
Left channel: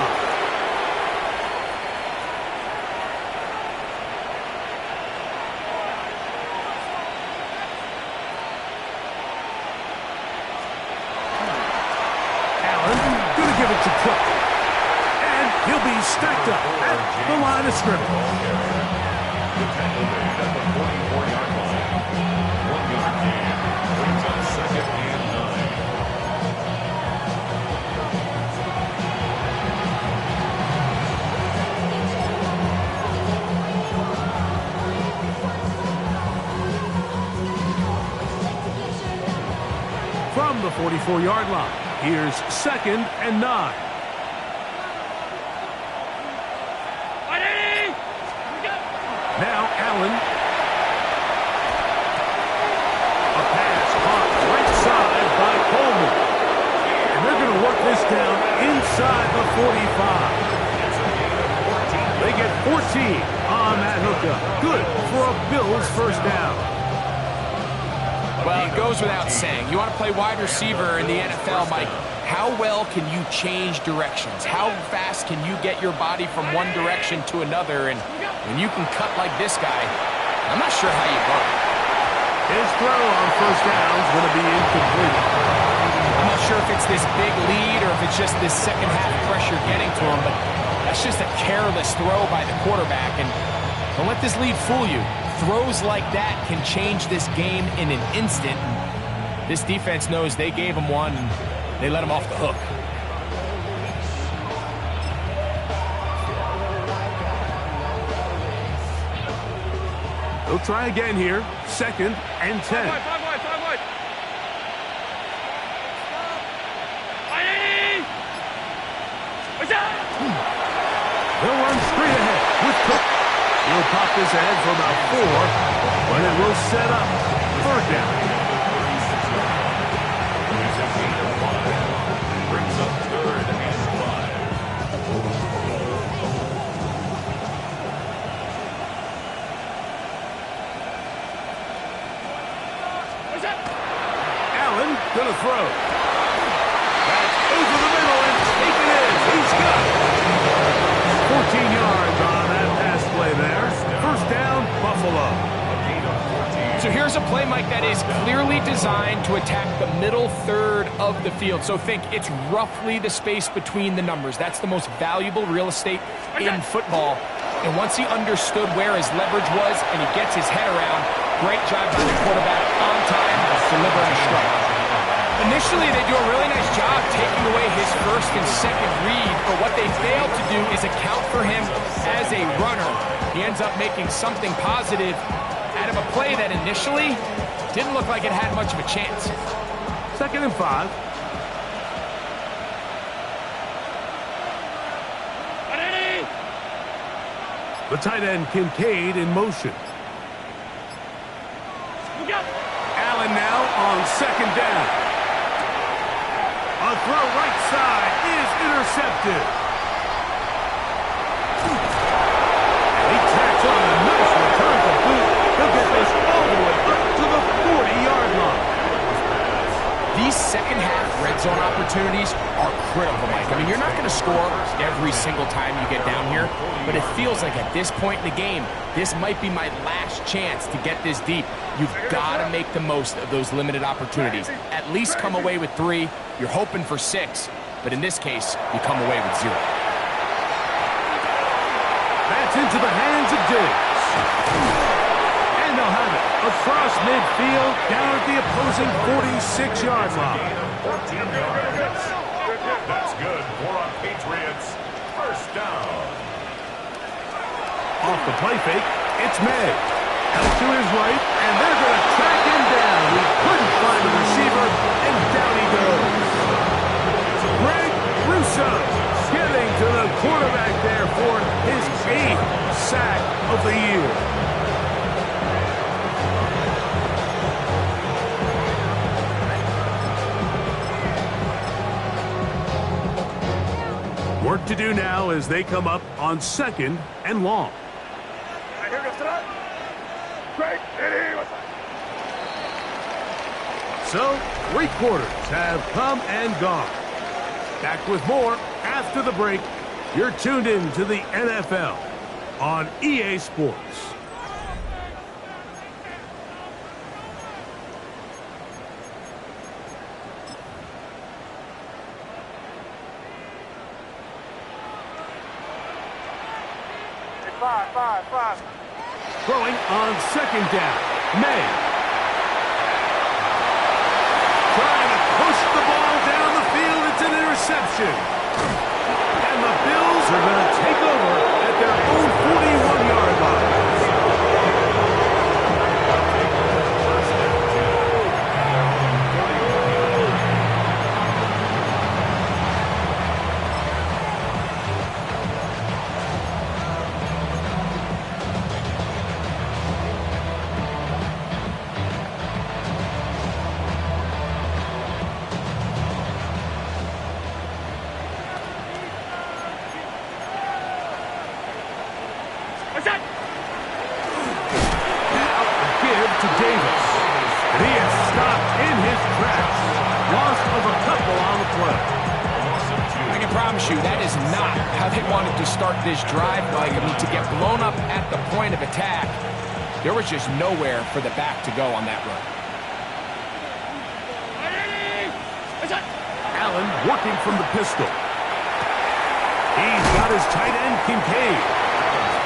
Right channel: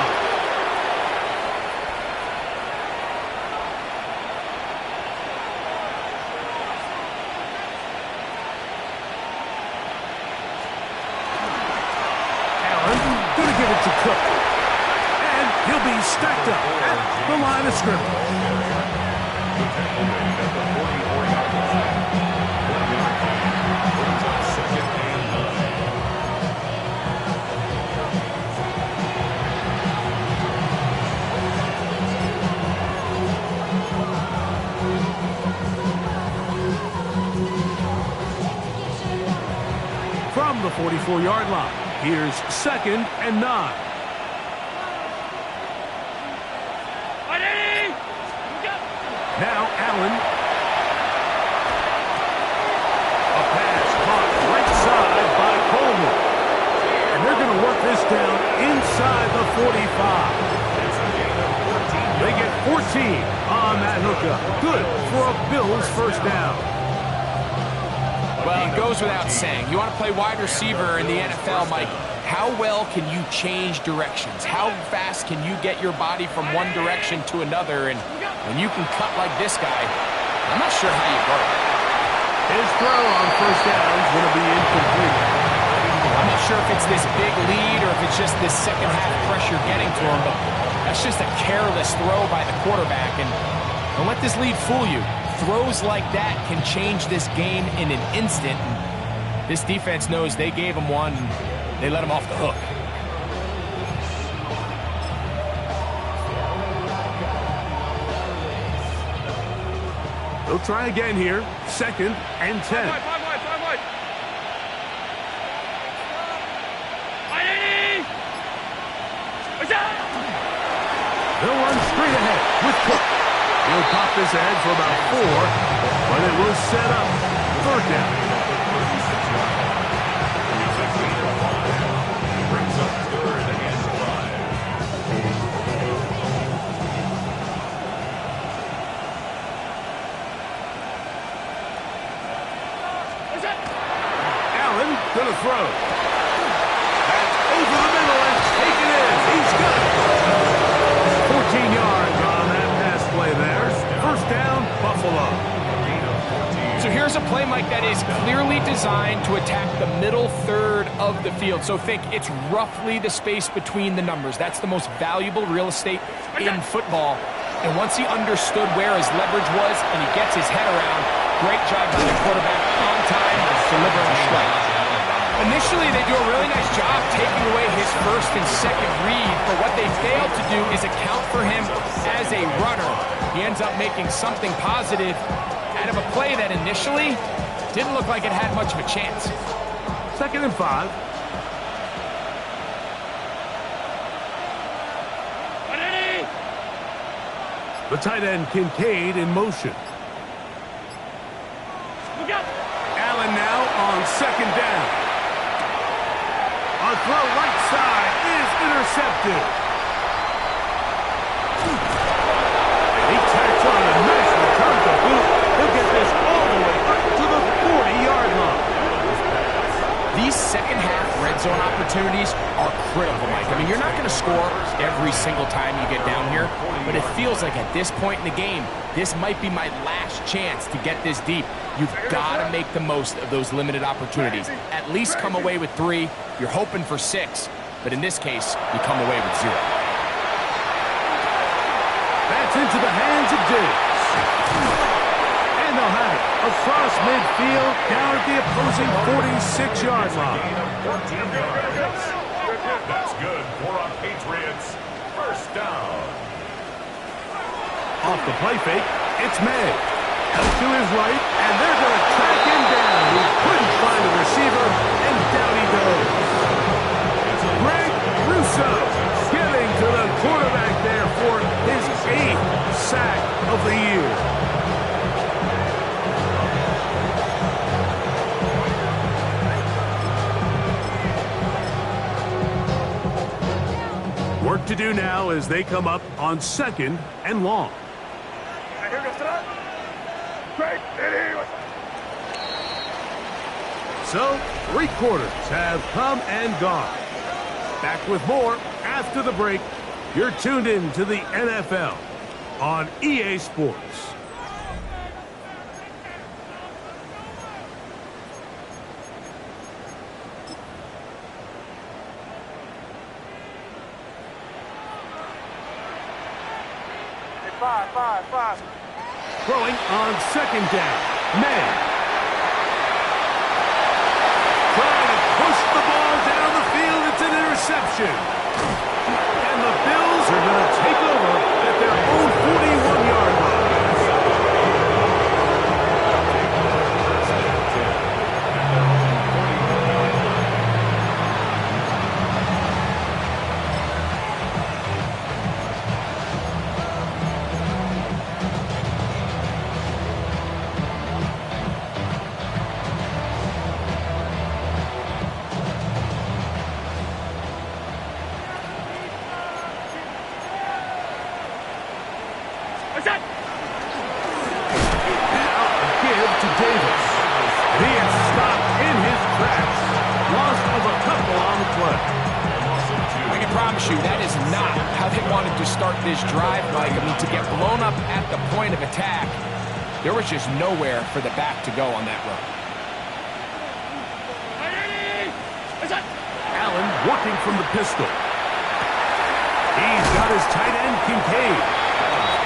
Going to give it to Cook. And he'll be stacked up at the line of scrimmage. The tackle made at the 44-yard line. 1-yard gain brings up 2nd and 9. From the 44-yard line, here's 2nd and 9. Now Allen. A pass caught right side by Coleman. And they're going to work this down inside the 45. They get 14 on that hookup. Good for a Bills 1st down. Well, it goes without saying. You want to play wide receiver in the NFL, Mike. How well can you change directions? How fast can you get your body from one direction to another? And when you can cut like this guy, I'm not sure how you guard it. His throw on 1st down is going to be incomplete. I'm not sure if it's this big lead or if it's just this second half pressure getting to him, but that's just a careless throw by the quarterback. And don't let this lead fool you. Throws like that can change this game in an instant. And this defense knows they gave him one, and they let him off the hook. They'll try again here. 2nd and 10. They'll run straight ahead with Cook. He'll pop this ahead for about 4, but it will set up 3rd down. It's a gain of 5. Brings up 3rd and 5. Allen gonna throw. That's over the middle and taken in. He's got it. 14 yards on that pass play there. 1st down, Buffalo. So here's a play, Mike, that is clearly designed to attack the middle 3rd of the field. So think it's roughly the space between the numbers. That's the most valuable real estate in football. And once he understood where his leverage was and he gets his head around, great job by the quarterback on time, delivering a strike. Initially, they do a really nice job taking away his 1st and 2nd read, but what they failed to do is account for him as a runner. He ends up making something positive out of a play that initially didn't look like it had much of a chance. 2nd and 5. The tight end Kincaid in motion. Allen now on 2nd down. A throw right side is intercepted. And he tacks on a nice return to boot. He'll get this all the way up to the 40-yard line. red zone opportunities are critical, Mike. I mean, you're not going to score every single time you get down here, but it feels like at this point in the game, this might be my last chance to get this deep. You've got to make the most of those limited opportunities. At least come away with 3. You're hoping for 6, but in this case, you come away with 0. That's into the hands of Diggs. And they'll have it across midfield down at the opposing 46-yard line. Gain of 14 yards. That's good for a Patriots first down. Off the play fake, it's May. Out to his right, and they're going to track him down. He couldn't find a receiver, and down he goes. Greg Russo getting to the quarterback there for his 8th sack of the year. Work to do now as they come up on 2nd and long. So, 3 quarters have come and gone. Back with more after the break. You're tuned in to the NFL on EA Sports. Five. Throwing on 2nd down. May. Trying to push the ball down the field. It's an interception. And the Bills are going to take over at their own 41-yard line. First and 10 at their own 41-yard line. Now a give to Davis. And he is stopped in his tracks. Loss of a couple on the play. I can promise you that is not how they wanted to start this drive, Mike. I mean, to get blown up at the point of attack, there was just nowhere for the back to go on that run. Allen working from the pistol. He's got his tight end, Kincaid.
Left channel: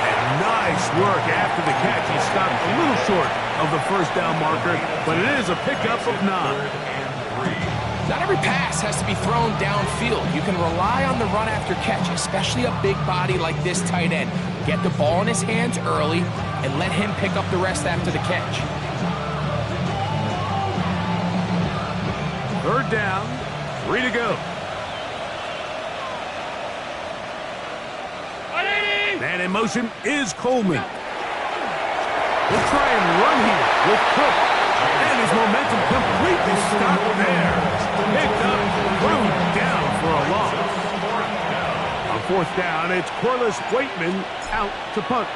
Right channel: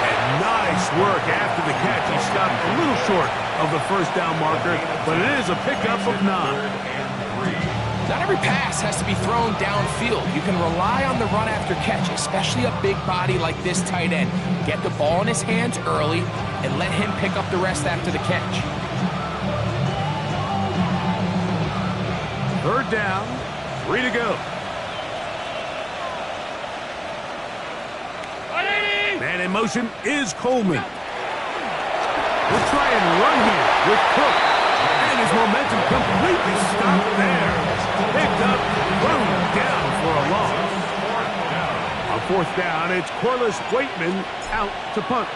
And nice work after the catch. He stopped a little short of the first down marker, but it is a pickup of 9. Not every pass has to be thrown downfield. You can rely on the run after catch, especially a big body like this tight end. Get the ball in his hands early and let him pick up the rest after the catch. 3rd down, 3 to go. Man in motion is Coleman. We'll try and run here with Cook. And his momentum completely stopped there. Picked up, thrown down for a loss. On 4th down, it's Corliss Waitman out to punt.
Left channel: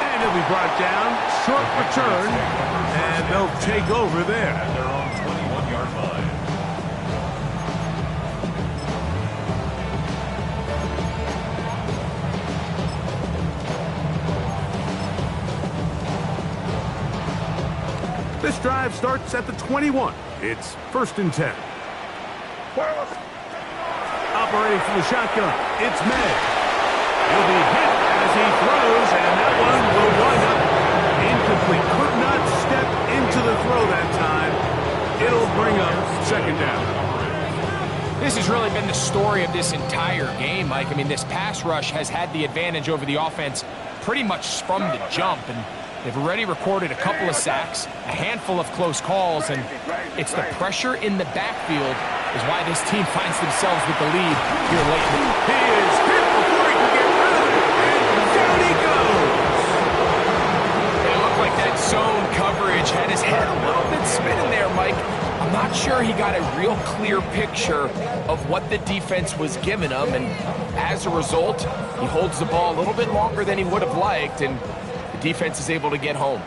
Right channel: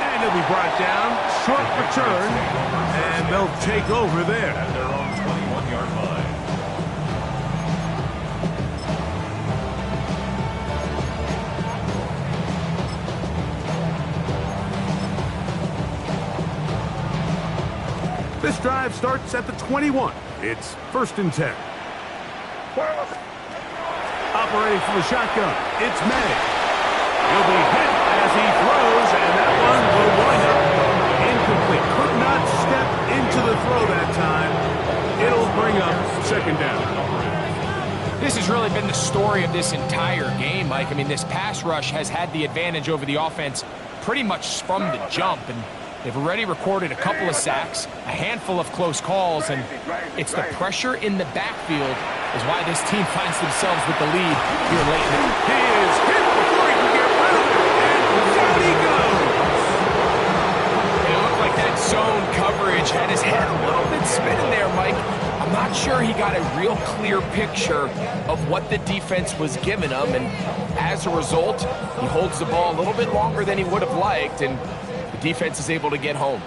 And he'll be brought down. Short return. And they'll take over there. At their own 21-yard line. This drive starts at the 21. It's 1st and 10. Operating from the shotgun, it's May. He'll be hit as he throws, and that one will wind up incomplete. Could not step into the throw that time. It'll bring up 2nd down. This has really been the story of this entire game, Mike. I mean, this pass rush has had the advantage over the offense pretty much from the jump, and they've already recorded a couple of sacks, a handful of close calls, and it's the pressure in the backfield is why this team finds themselves with the lead here late in the game. He is hit before he can get rid of it, and down he goes. It looked like that zone coverage had his head a little bit spinning there, Mike. I'm not sure he got a real clear picture of what the defense was giving him, and as a result, he holds the ball a little bit longer than he would have liked, and The defense is able to get home.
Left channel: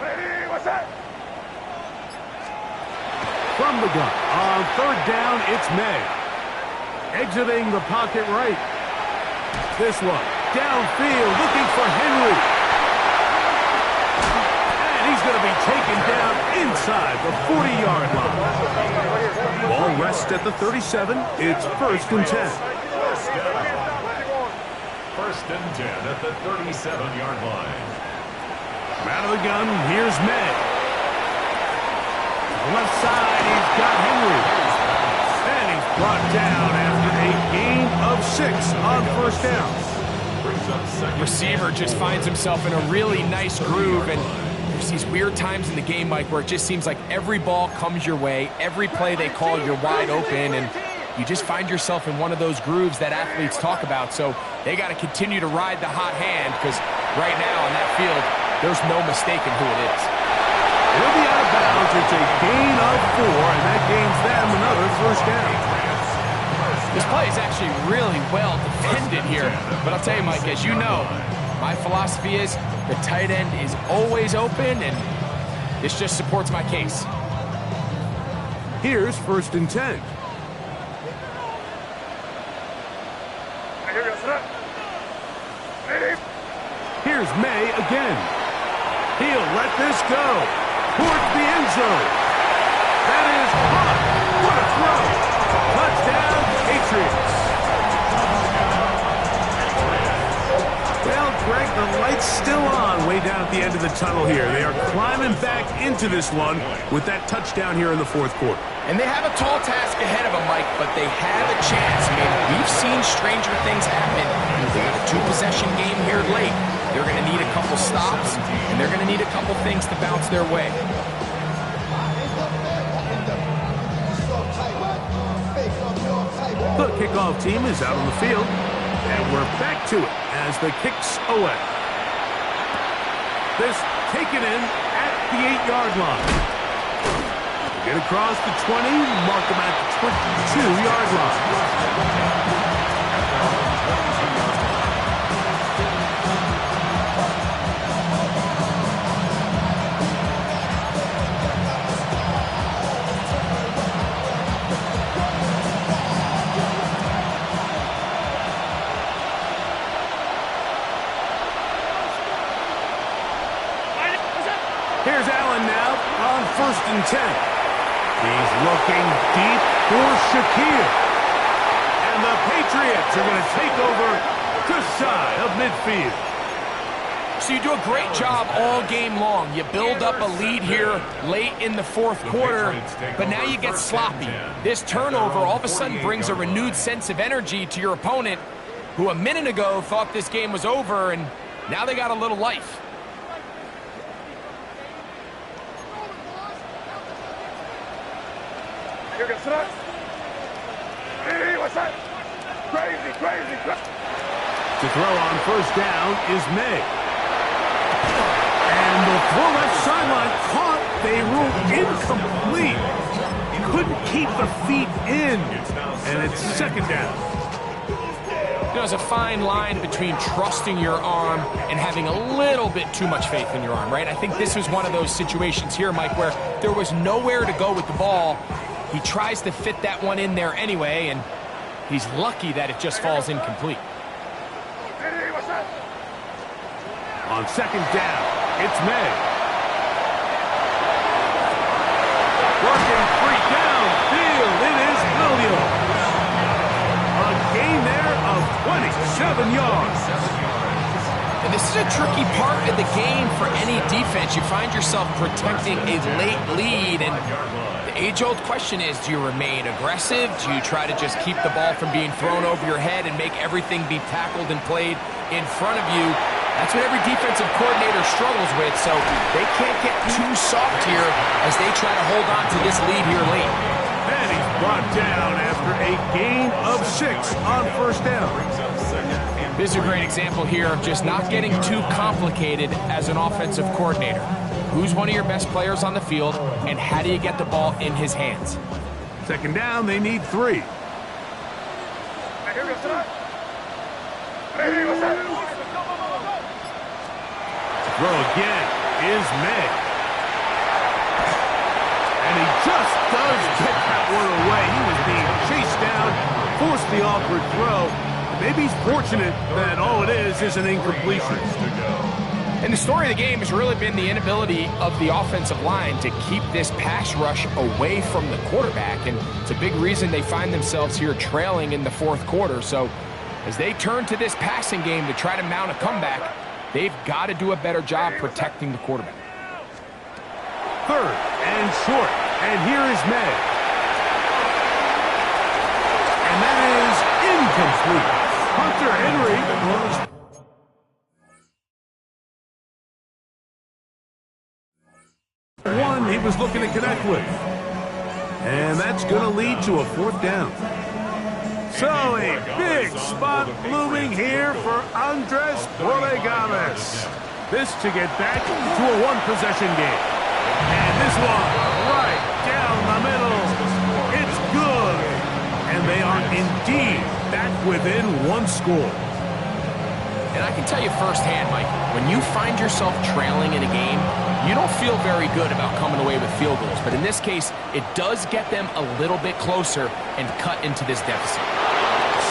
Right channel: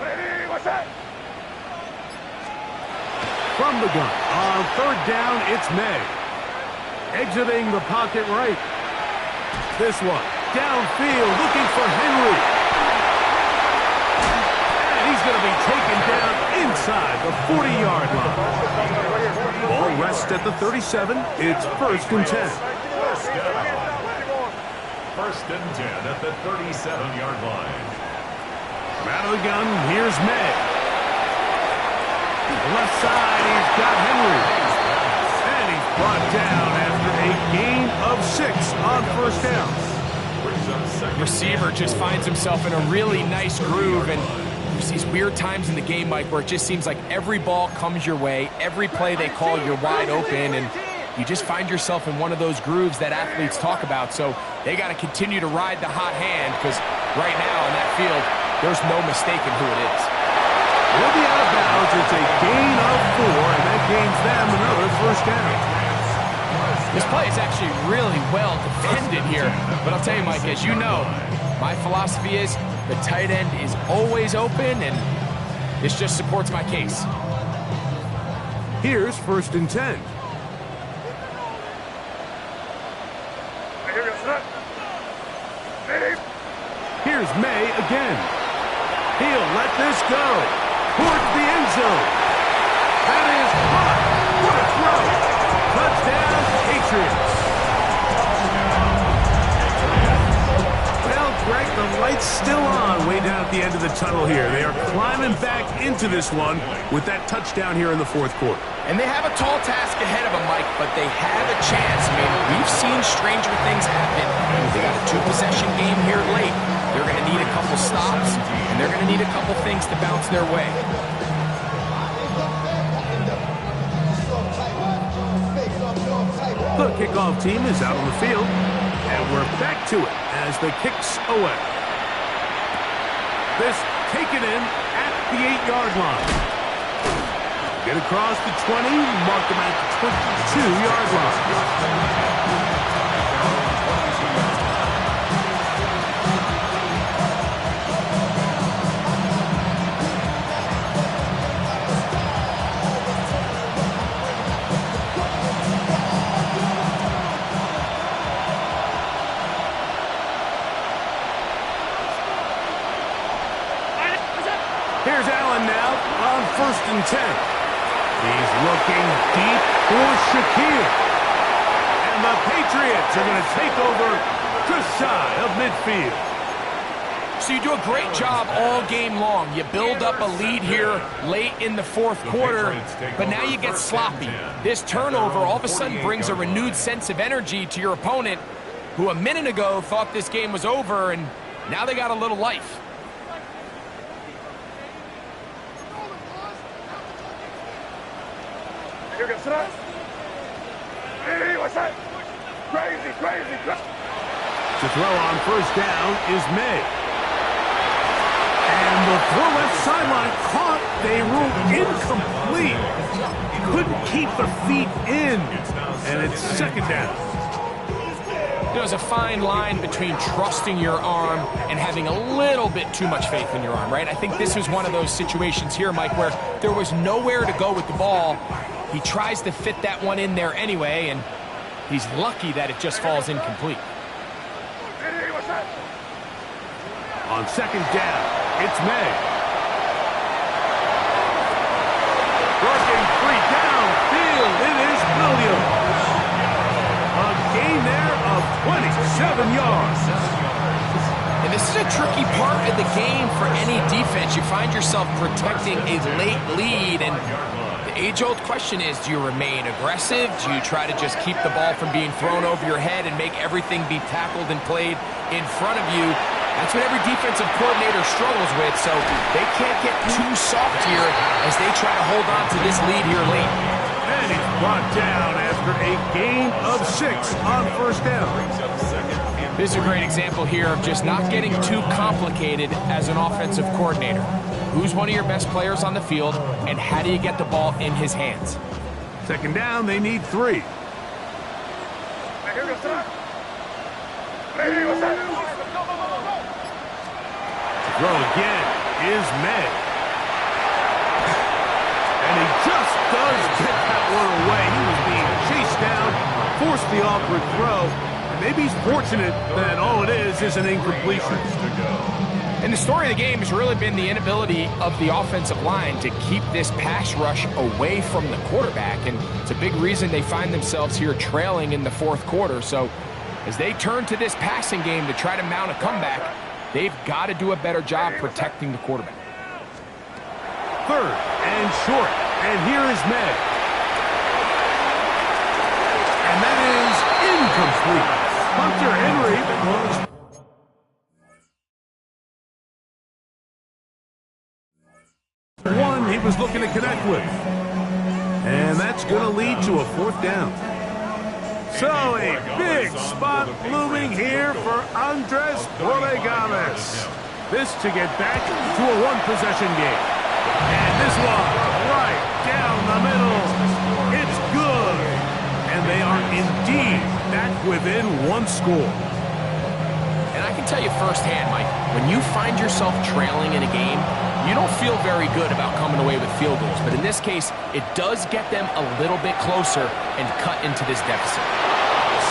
Ready, what's that? From the gun, on third down, it's May. Exiting the pocket right. This one, downfield, looking for Henry. And he's going to be taken down inside the 40-yard line. Ball rests at the 37. It's 1st and 10. First and 10 at the 37-yard line. From out of the gun, here's May. To the left side, he's got Henry. And he's brought down after a gain of 6 on 1st down. Receiver just finds himself in a really nice groove, and there's these weird times in the game, Mike, where it just seems like every ball comes your way, every play they call, you're wide open, and you just find yourself in one of those grooves that athletes talk about. So they got to continue to ride the hot hand, because right now in that field, there's no mistaking who it is. He'll be out of bounds. It's a gain of 4, and that gains them another 1st down. This play is actually really well defended here. But I'll tell you, Mike, as you know, my philosophy is the tight end is always open, and this just supports my case. Here's 1st and 10. Here's May again. He'll let this go towards the end zone. That is caught. What a throw. Touchdown, Patriots. Well, Greg, the light's still on way down at the end of the tunnel here. They are climbing back into this one with that touchdown here in the 4th quarter. And they have a tall task ahead of them, Mike, but they have a chance. I mean, we've seen stranger things happen. They got a 2-possession game here late. They're going to need a couple stops, and they're going to need a couple things to bounce their way. The kickoff team is out on the field, and we're back to it as the kick's away. This taken in at the 8-yard line. Get across the 20, mark them at the 22-yard line. Here's Allen now on 1st and 10. He's looking deep for Shakir. And the Patriots are going to take over just shy of midfield. So you do a great job all game long. You build up a lead here late in the 4th quarter, but now you get sloppy. This turnover all of a sudden brings a renewed sense of energy to your opponent, who a minute ago thought this game was over, and now they got a little life. Hey, what's that? Crazy. To throw on 1st down is May. And the throw left sideline caught. They ruled incomplete. Couldn't keep the feet in. And it's 2nd down. You know, there's a fine line between trusting your arm and having a little bit too much faith in your arm, right? I think this was one of those situations here, Mike, where there was nowhere to go with the ball. He tries to fit that one in there anyway, and he's lucky that it just falls incomplete. On 2nd down, it's May. Working free downfield, it is Williams. A gain there of 27 yards. And this is a tricky part of the game for any defense. You find yourself protecting a late lead, and the age-old question is, do you remain aggressive? Do you try to just keep the ball from being thrown over your head and make everything be tackled and played in front of you? That's what every defensive coordinator struggles with, so they can't get too soft here as they try to hold on to this lead here late. And he's brought down after a gain of 6 on 1st down. This is a great example here of just not getting too complicated as an offensive coordinator. Who's one of your best players on the field, and how do you get the ball in his hands? 2nd down, they need 3. Ready, what's that? Throw again is May. And he just does get that one away. He was being chased down, forced the awkward throw. And maybe he's fortunate that all it is an incompletion. And the story of the game has really been the inability of the offensive line to keep this pass rush away from the quarterback. And it's a big reason they find themselves here trailing in the fourth quarter. So as they turn to this passing game to try to mount a comeback, they've got to do a better job protecting the quarterback. Third and short. And here is May. And that is incomplete. Hunter Henry was... one he was looking to connect with. And that's going to lead to a fourth down. So a big spot looming here for Andres Borregames. This to get back to a one-possession game. And this one right down the middle. It's good. And they are indeed back within one score. And I can tell you firsthand, Mike, when you find yourself trailing in a game, you don't feel very good about coming away with field goals. But in this case, it does get them a little bit closer and cut into this deficit.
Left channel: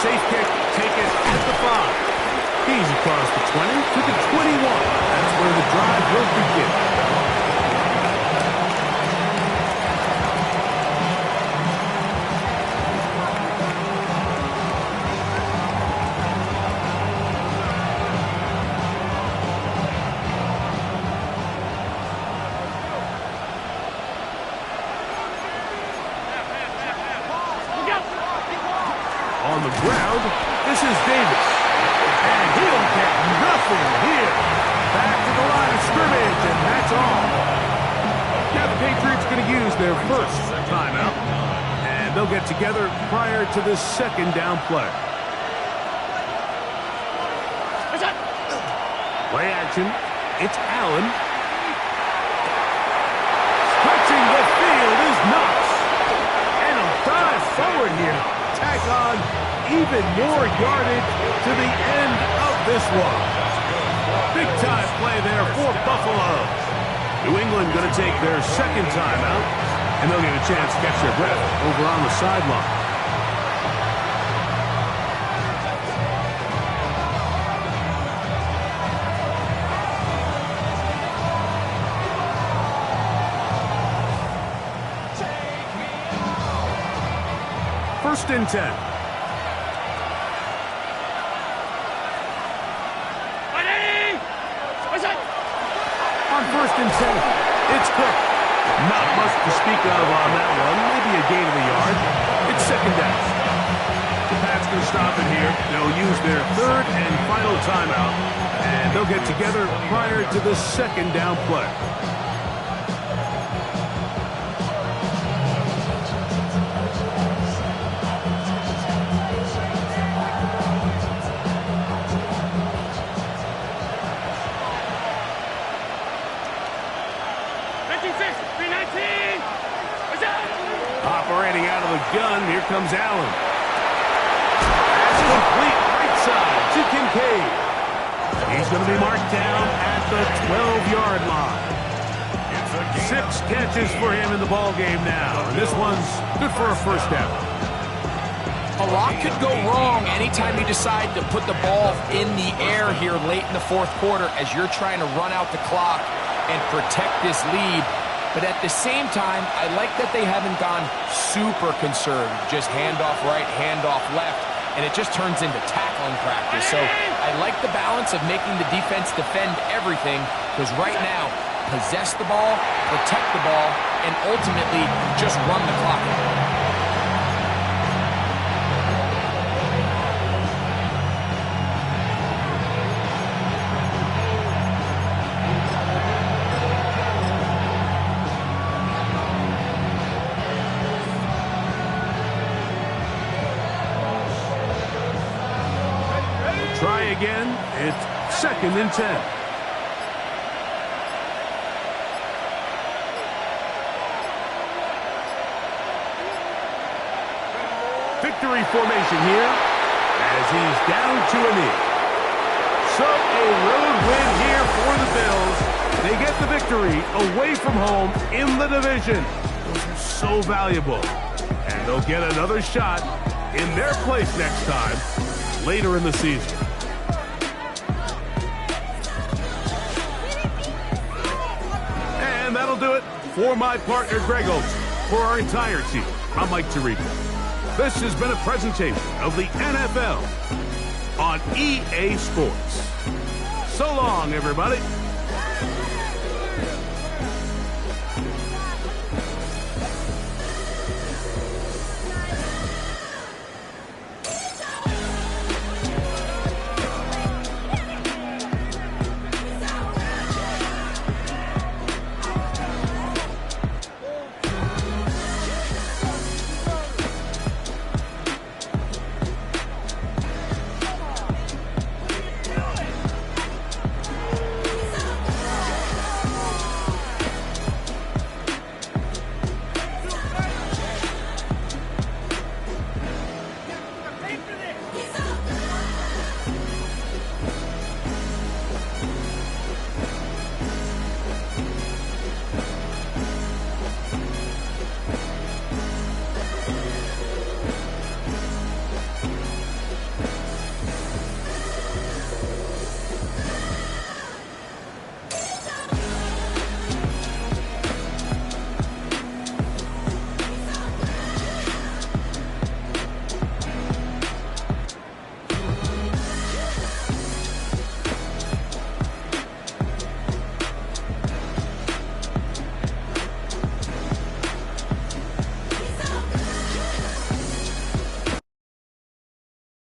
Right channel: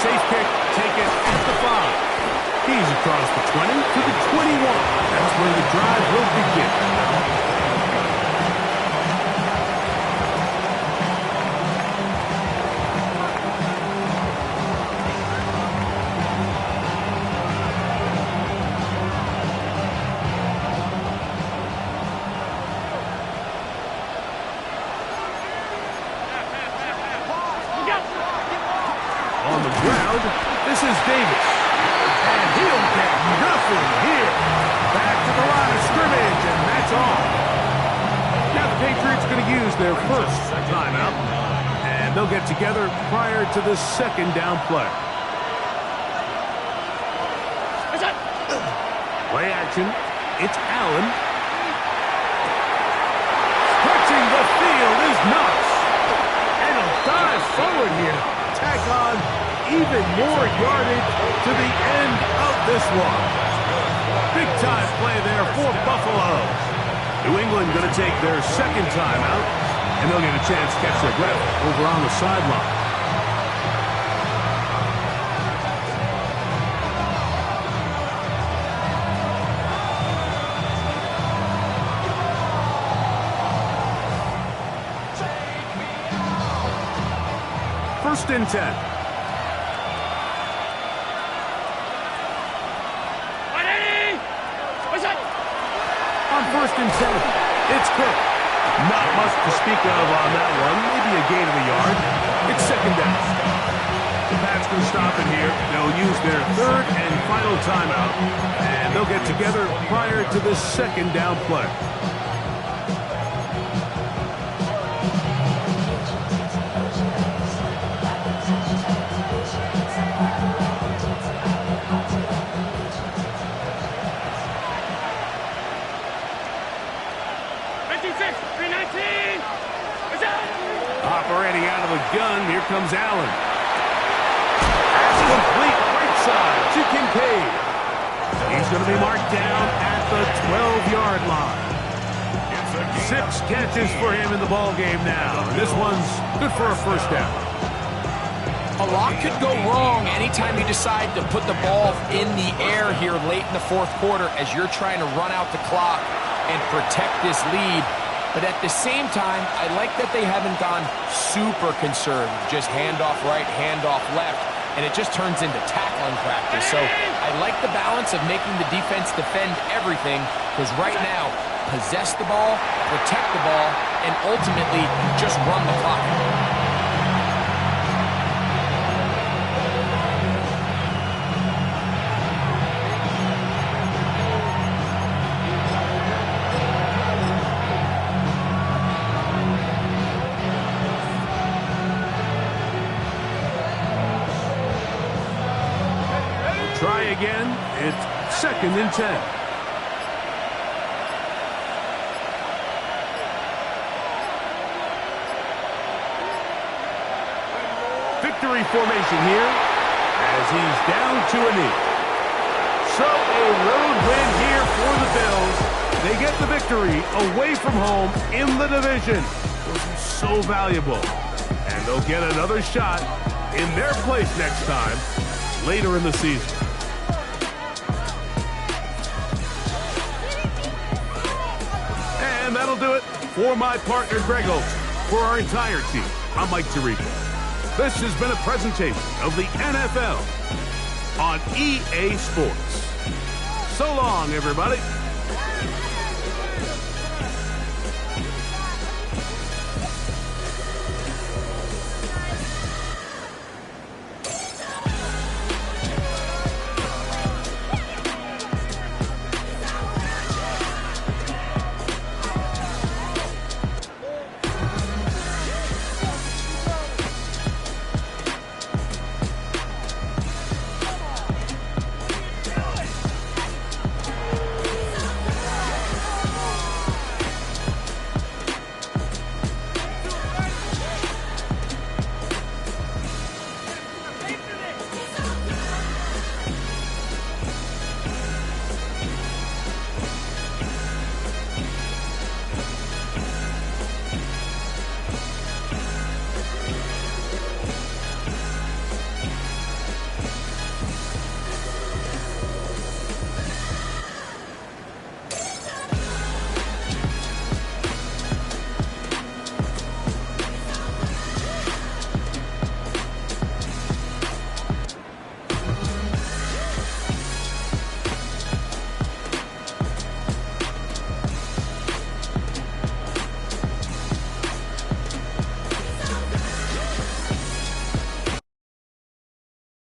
Safe kick taken at the 5. He's across the 20 to the 21. That's where the drive will begin. On the ground, this is Davis. And he'll get nothing here. Back to the line of scrimmage, and that's all. Now the Patriots going to use their first timeout. And they'll get together prior to the second down play. Play action. It's Allen. Stretching the field is Knox. And he'll dive forward here. Tack on even more yardage to the end of this one. Big time play there for Buffalo. New England going to take their second timeout, and they'll get a chance to catch their breath over on the sideline. First and 10. On first and 10, it's Cook. Not much to speak of on that one. Maybe a gain of a yard. It's second down. The Pats going to stop it here. They'll use their third and final timeout, and they'll get together prior to the second down play. Operating out of the gun, here comes Allen. Pass complete, right side to Kincaid. He's going to be marked down at the 12-yard line. 6 catches for him in the ball game now, and this one's good for a first down. A lot could go wrong anytime you decide to put the ball in the air here late in the fourth quarter as you're trying to run out the clock and protect this lead. But at the same time, I like that they haven't gone super conservative. Just handoff right, handoff left, and it just turns into tackling practice. So I like the balance of making the defense defend everything, because right now, possess the ball, protect the ball, and ultimately just run the clock out. Try again. It's second and 10. Victory formation here as he's down to a knee. So a road win here for the Bills. They get the victory away from home in the division. Those are so valuable. And they'll get another shot in their place next time later in the season. And that'll do it for my partner, Greg Olson. For our entire team, I'm Mike Tirico. This has been a presentation of the NFL on EA Sports. So long, everybody.